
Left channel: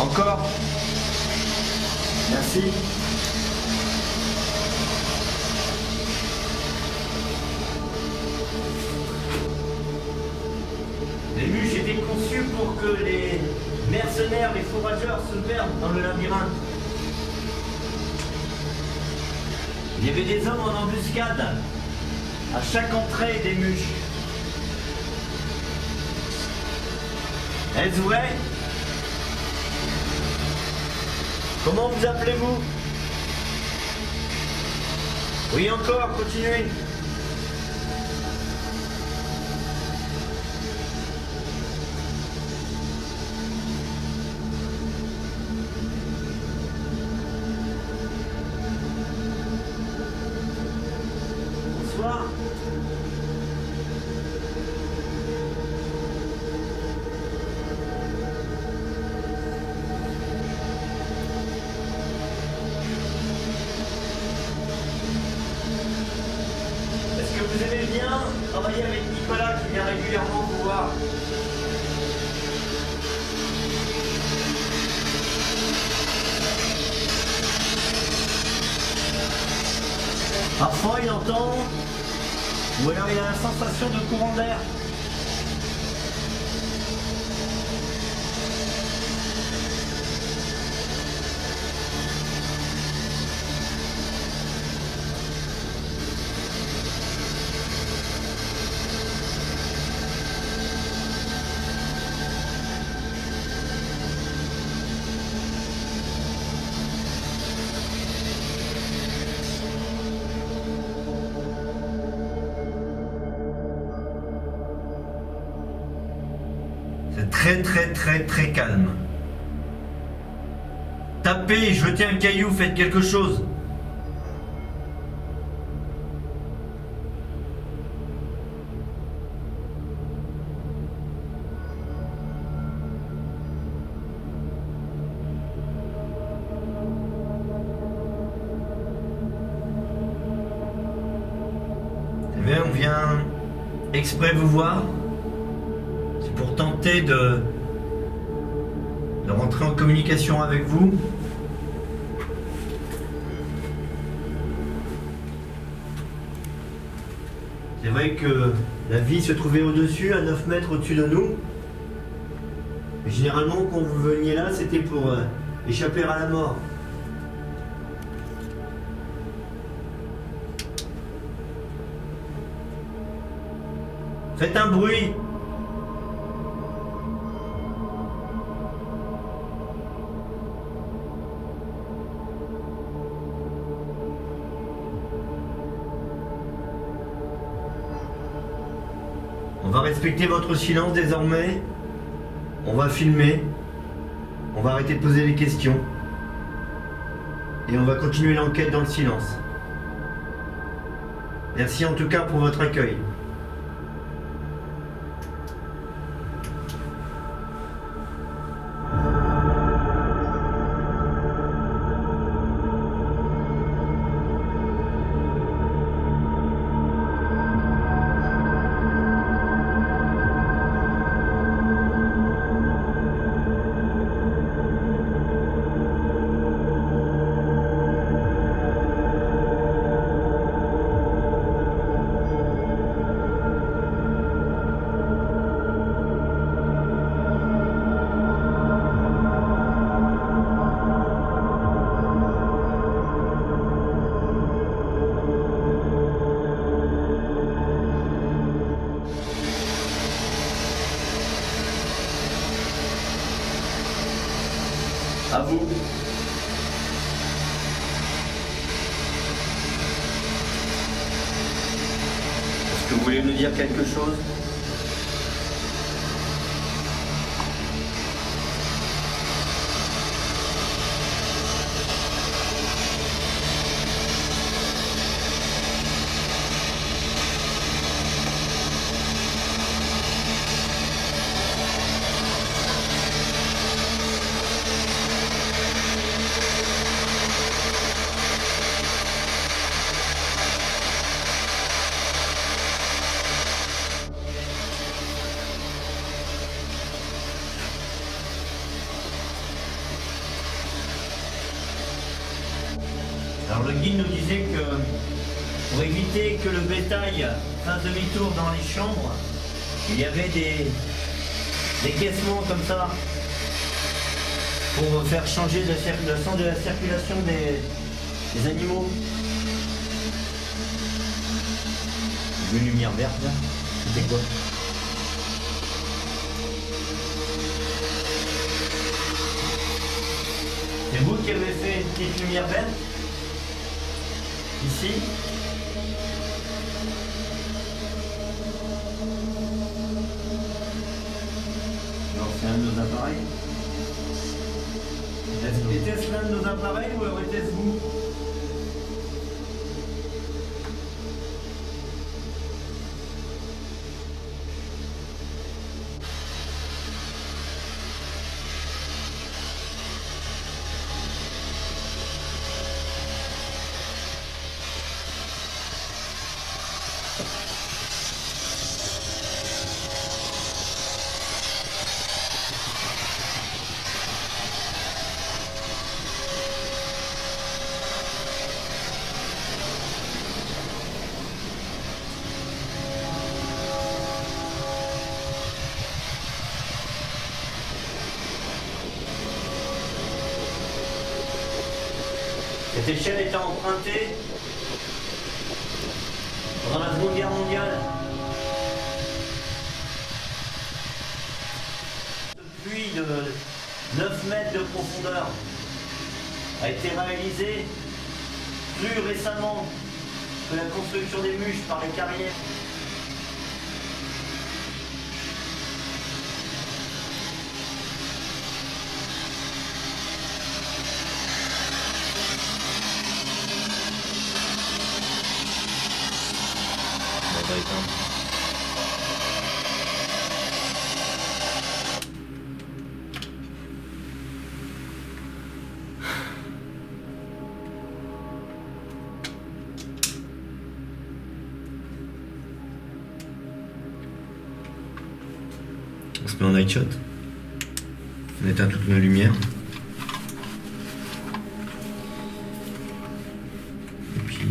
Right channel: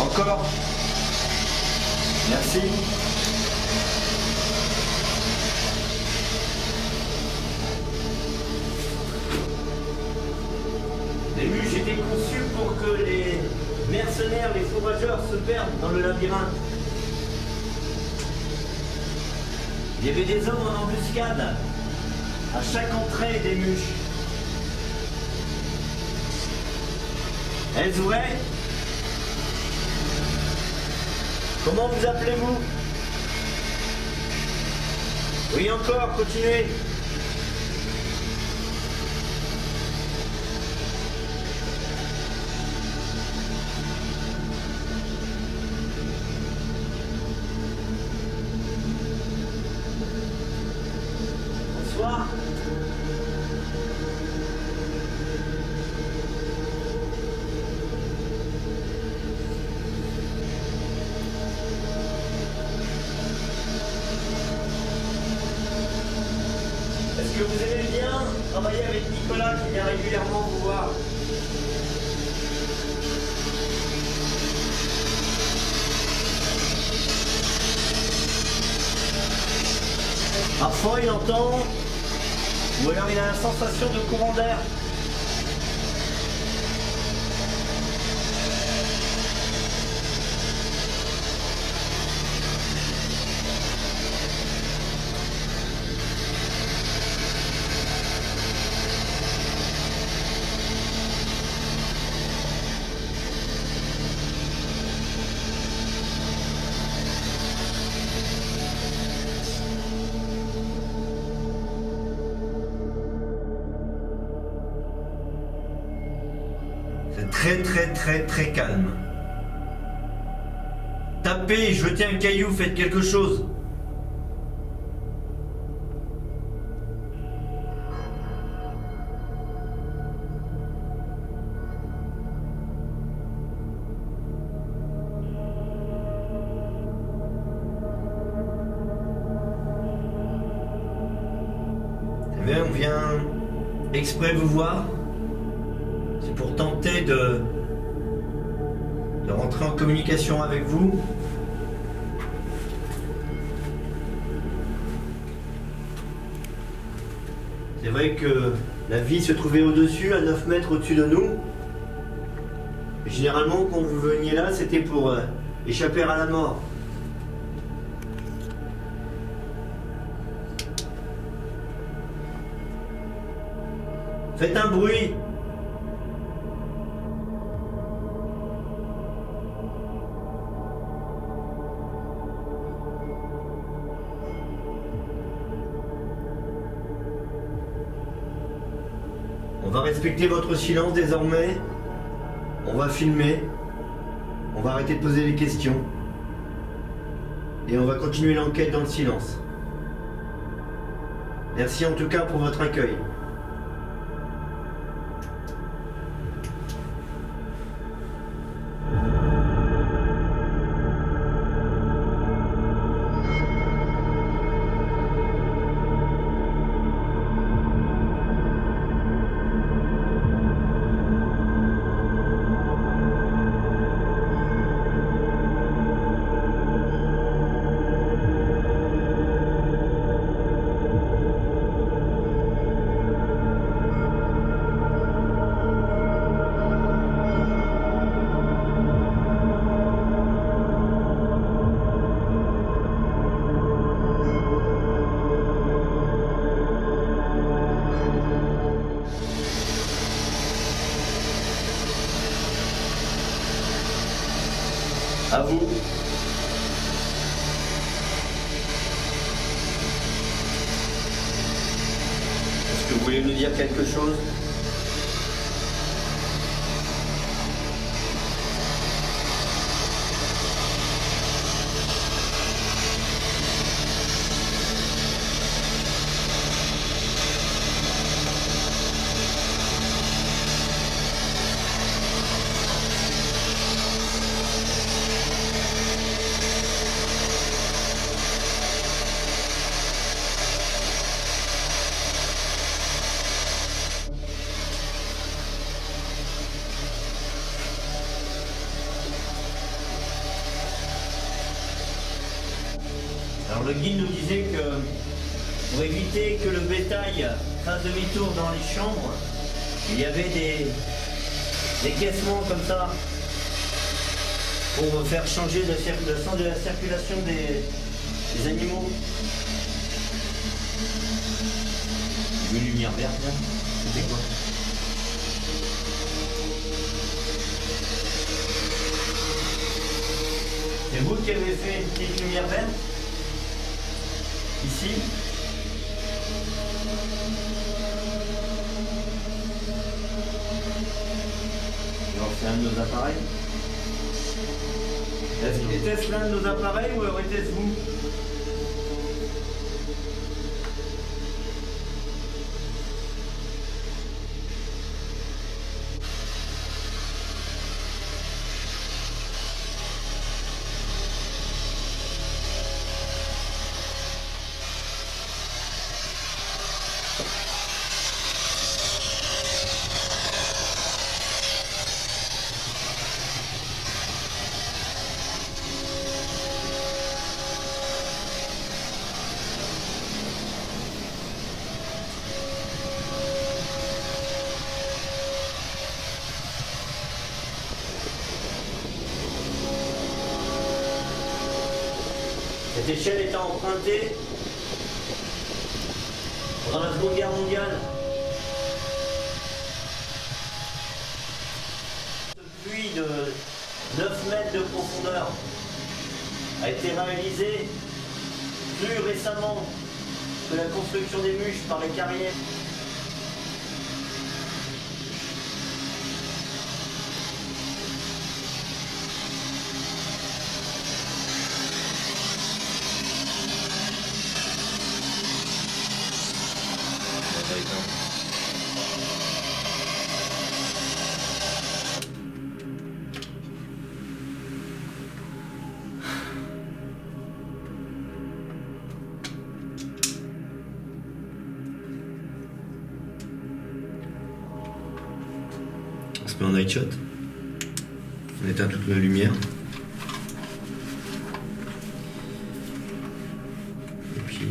Encore. Merci. Les muches étaient conçues pour que les mercenaires, les fourrageurs se perdent dans le labyrinthe. Il y avait des hommes en embuscade à chaque entrée des muches. Est-ce vrai? Comment vous appelez-vous? Oui, encore, continuez. Bonsoir. Est-ce que vous aimez bien travailler avec Nicolas qui vient régulièrement vous voir? Parfois il entend, ou alors il a la sensation de courant d'air. C'est très calme. Tapez, jetez un caillou, faites quelque chose. Vous savez, on vient exprès vous voir. C'est pour tenter de rentrer en communication avec vous. C'est vrai que la vie se trouvait au-dessus, à 9 mètres au-dessus de nous. Et généralement, quand vous veniez là, c'était pour échapper à la mort. Faites un bruit. On va respecter votre silence désormais. On va filmer. On va arrêter de poser des questions. Et on va continuer l'enquête dans le silence. Merci en tout cas pour votre accueil. À vous. voulez nous dire quelque chose? Alors le guide nous disait que pour éviter que le bétail fasse demi-tour dans les chambres, il y avait des caissements comme ça pour faire changer le sens de la circulation des animaux. Une lumière verte là, c'était quoi? C'est vous qui avez fait une petite lumière verte? Ici. Alors c'est un de nos appareils. Était-ce l'un de nos appareils ou alors était-ce vous? Cette échelle était empruntée pendant la Seconde Guerre mondiale. Ce puits de 9 mètres de profondeur a été réalisé plus récemment que la construction des Muches par les carrières. On se met en night shot. On éteint toute la lumière. Et puis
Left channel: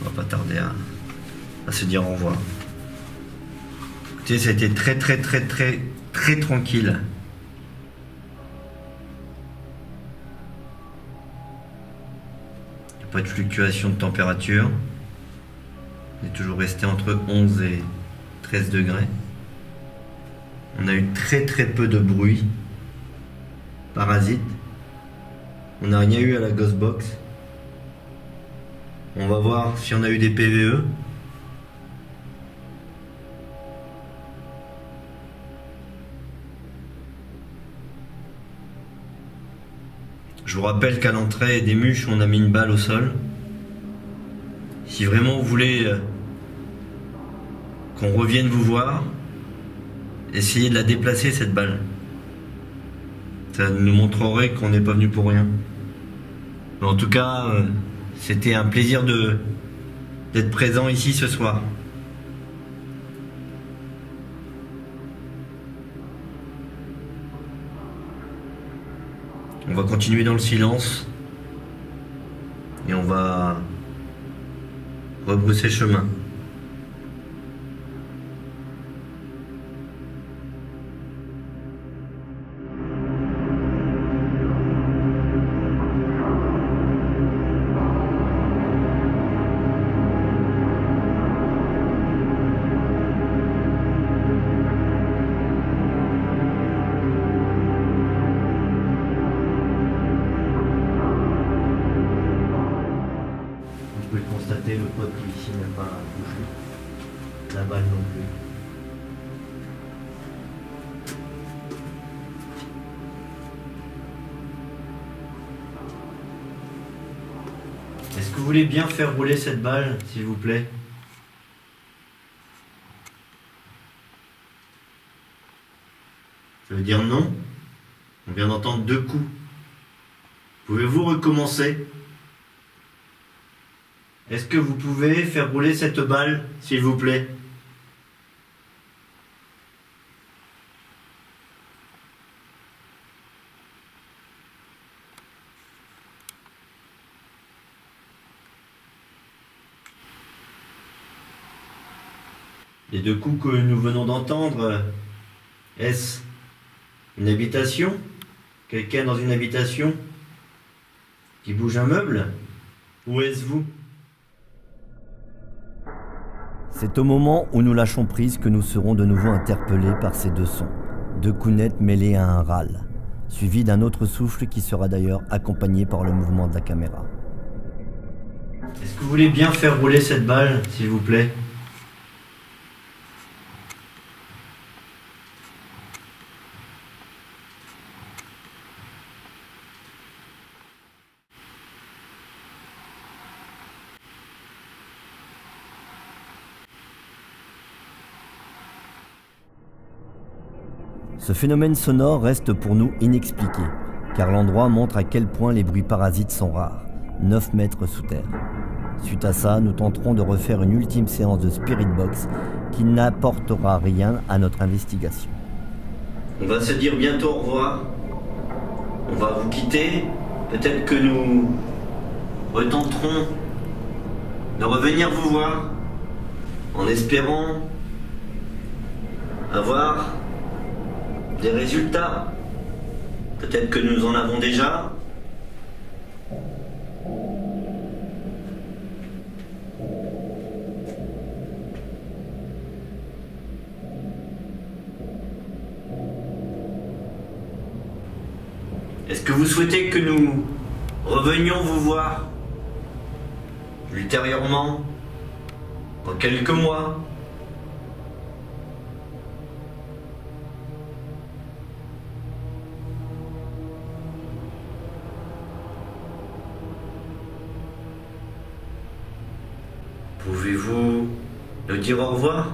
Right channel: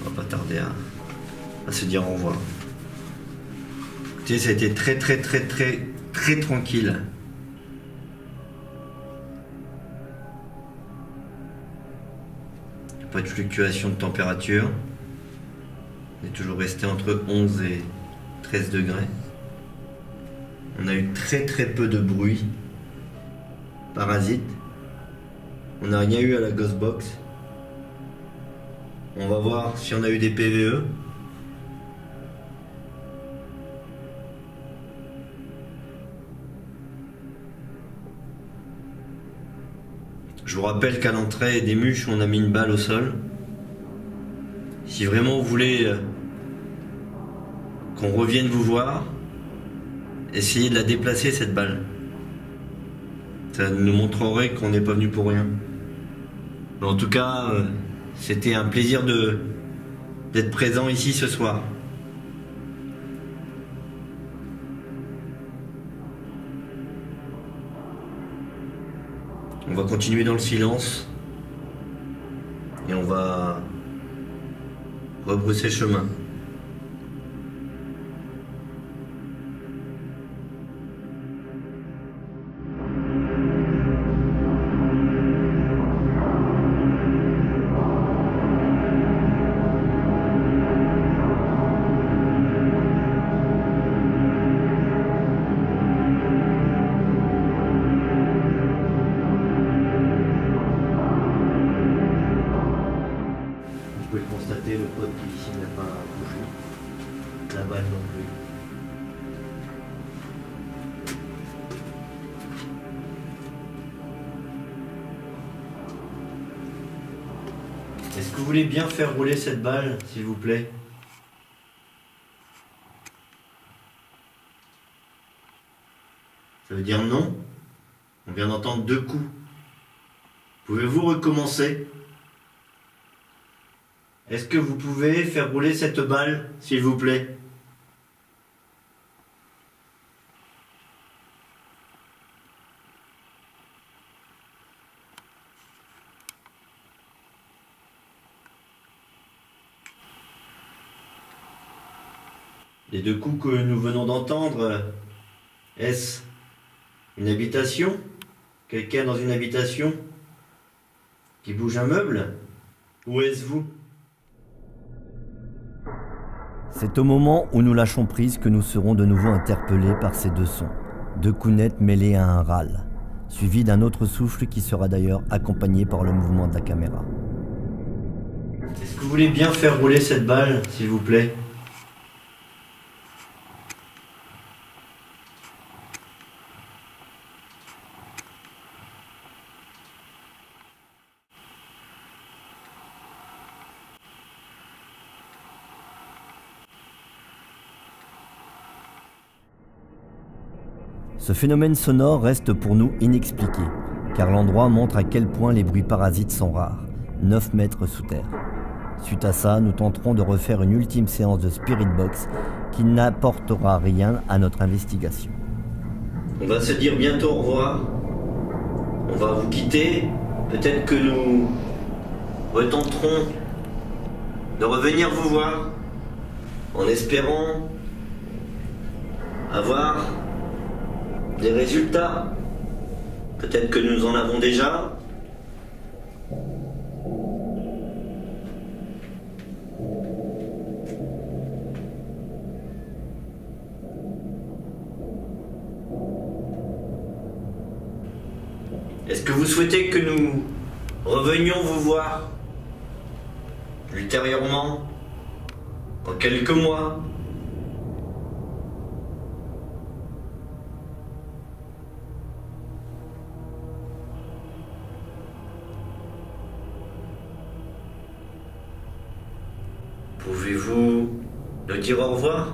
on va pas tarder à se dire au revoir. Écoutez, ça a été très tranquille. Il n'y a pas de fluctuation de température. On est toujours resté entre 11 et 13 degrés. On a eu très peu de bruit. Parasite. On n'a rien eu à la Ghost Box. On va voir si on a eu des PVE. Je vous rappelle qu'à l'entrée des Muches, on a mis une balle au sol. Si vraiment vous voulez qu'on revienne vous voir, essayez de la déplacer cette balle. Ça nous montrerait qu'on n'est pas venu pour rien. Mais en tout cas, c'était un plaisir d'être présent ici ce soir. On va continuer dans le silence et on va rebrousser chemin. pouvez le constater, le pote qui ici n'a pas bougé. La balle non plus. Est-ce que vous voulez bien faire rouler cette balle, s'il vous plaît? Ça veut dire non? On vient d'entendre 2 coups. Pouvez-vous recommencer? Est-ce que vous pouvez faire rouler cette balle, s'il vous plaît? Les 2 coups que nous venons d'entendre, est-ce une habitation? Quelqu'un dans une habitation qui bouge un meuble? Ou est-ce vous? C'est au moment où nous lâchons prise que nous serons de nouveau interpellés par ces 2 sons. 2 coups nets mêlés à un râle, suivi d'un autre souffle qui sera d'ailleurs accompagné par le mouvement de la caméra. Est-ce que vous voulez bien faire rouler cette balle, s'il vous plaît? Ce phénomène sonore reste pour nous inexpliqué, car l'endroit montre à quel point les bruits parasites sont rares, 9 mètres sous terre. Suite à ça, nous tenterons de refaire une ultime séance de Spirit Box qui n'apportera rien à notre investigation. On va se dire bientôt au revoir. On va vous quitter. Peut-être que nous retenterons de revenir vous voir en espérant avoir des résultats. Peut-être que nous en avons déjà. Est-ce que vous souhaitez que nous revenions vous voir ultérieurement, dans quelques mois? Pouvez-vous nous dire au revoir?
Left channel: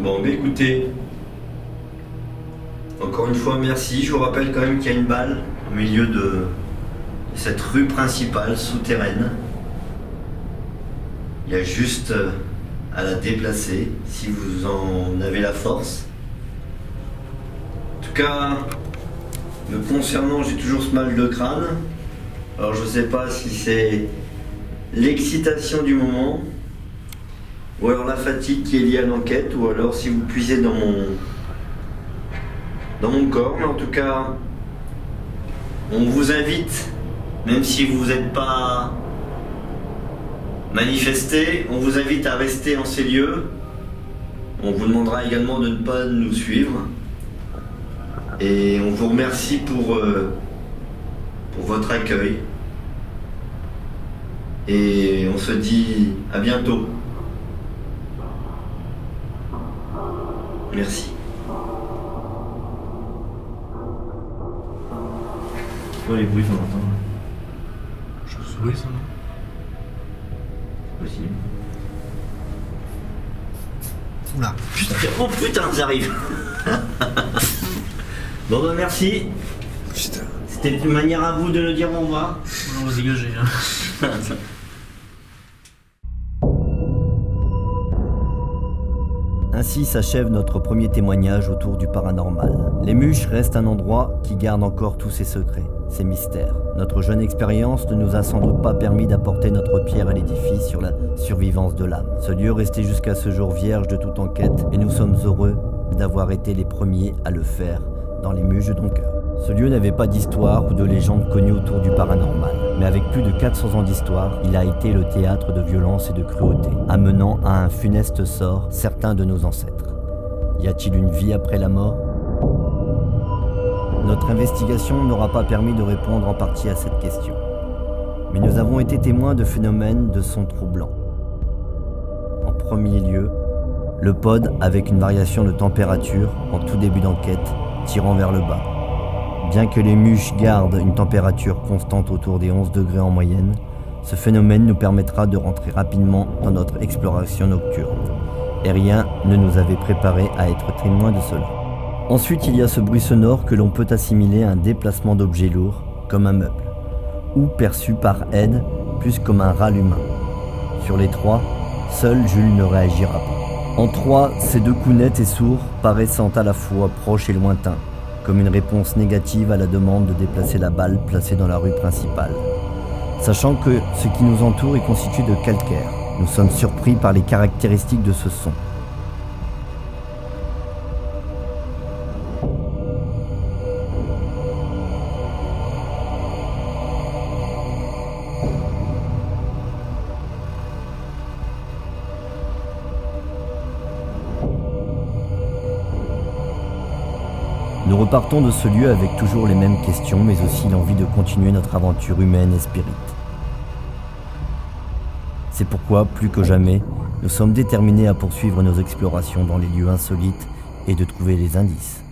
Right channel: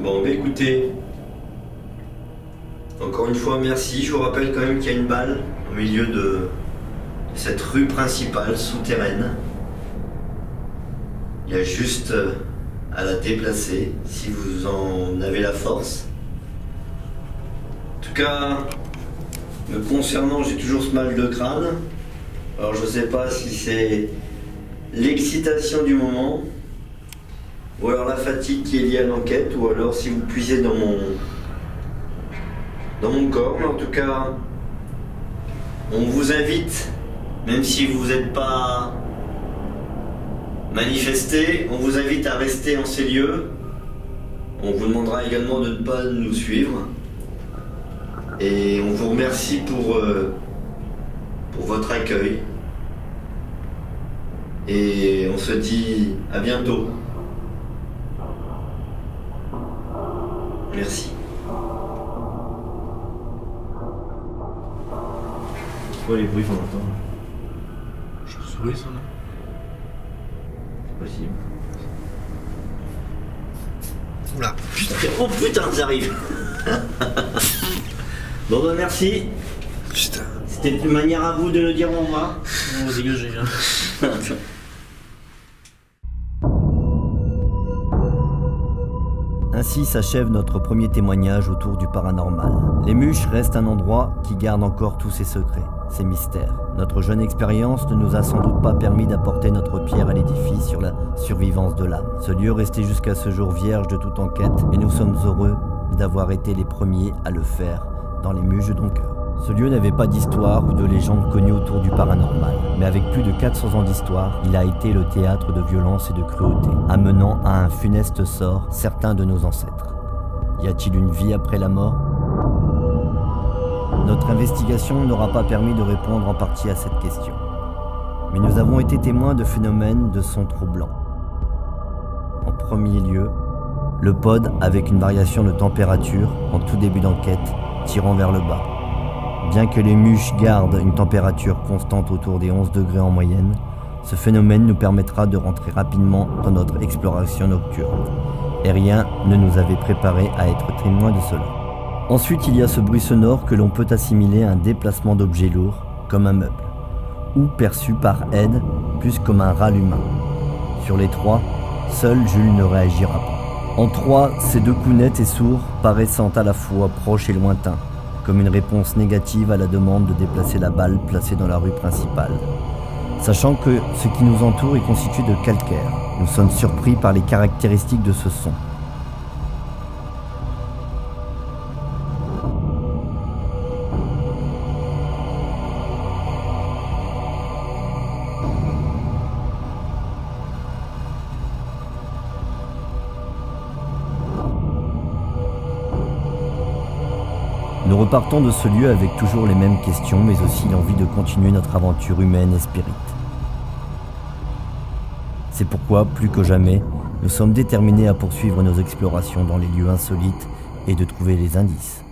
Bon, bah écoutez, encore une fois merci. Je vous rappelle quand même qu'il y a une balle au milieu de cette rue principale souterraine. Il y a juste à la déplacer si vous en avez la force. En tout cas, me concernant, j'ai toujours ce mal de crâne. Alors je sais pas si c'est l'excitation du moment, ou alors la fatigue qui est liée à l'enquête, ou alors si vous puisez dans mon corps. Mais en tout cas, on vous invite, même si vous n'êtes pas manifesté, on vous invite à rester en ces lieux. On vous demandera également de ne pas nous suivre. Et on vous remercie pour votre accueil. Et on se dit à bientôt. Merci. C'est quoi les bruits qu'on entend là? Chauve-souris, ça, non? C'est possible. Oula. Putain, oh putain, j'arrive. Bon bah merci. Putain. C'était une manière à vous de nous dire au revoir. On va se dégager, hein. Ainsi s'achève notre premier témoignage autour du paranormal. Les Muches restent un endroit qui garde encore tous ses secrets, ses mystères. Notre jeune expérience ne nous a sans doute pas permis d'apporter notre pierre à l'édifice sur la survivance de l'âme. Ce lieu restait jusqu'à ce jour vierge de toute enquête et nous sommes heureux d'avoir été les premiers à le faire dans les Muches de Doncoeur. Ce lieu n'avait pas d'histoire ou de légende connue autour du paranormal, mais avec plus de 400 ans d'histoire, il a été le théâtre de violence et de cruauté, amenant à un funeste sort certains de nos ancêtres. Y a-t-il une vie après la mort? Notre investigation n'aura pas permis de répondre en partie à cette question. Mais nous avons été témoins de phénomènes de sons troublants. En premier lieu, le pod avec une variation de température en tout début d'enquête, tirant vers le bas. Bien que les mûches gardent une température constante autour des 11 degrés en moyenne, ce phénomène nous permettra de rentrer rapidement dans notre exploration nocturne. Et rien ne nous avait préparé à être témoins de cela. Ensuite, il y a ce bruit sonore que l'on peut assimiler à un déplacement d'objets lourds, comme un meuble, ou perçu par Ed plus comme un râle humain. Sur les trois, seul Jules ne réagira pas. En trois, ces deux coups nets et sourds paraissant à la fois proches et lointains, comme une réponse négative à la demande de déplacer la balle placée dans la rue principale. Sachant que ce qui nous entoure est constitué de calcaire, nous sommes surpris par les caractéristiques de ce son. Nous repartons de ce lieu avec toujours les mêmes questions, mais aussi l'envie de continuer notre aventure humaine et spirite. C'est pourquoi, plus que jamais, nous sommes déterminés à poursuivre nos explorations dans les lieux insolites et de trouver les indices.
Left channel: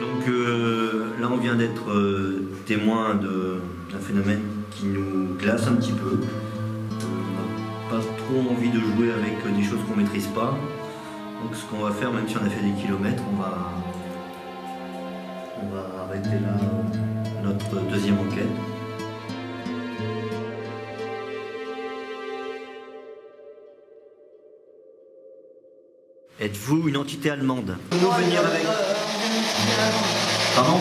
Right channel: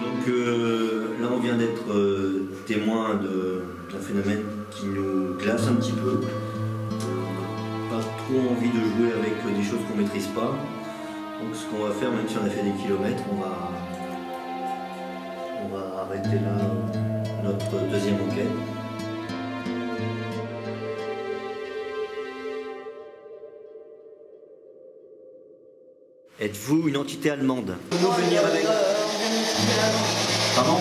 Donc là on vient d'être témoin d'un phénomène qui nous glace un petit peu. On n'a pas trop envie de jouer avec des choses qu'on ne maîtrise pas. Donc ce qu'on va faire, même si on a fait des kilomètres, on va arrêter là notre deuxième enquête. Êtes-vous une entité allemande? Pouvez-vous venir avec... Pardon?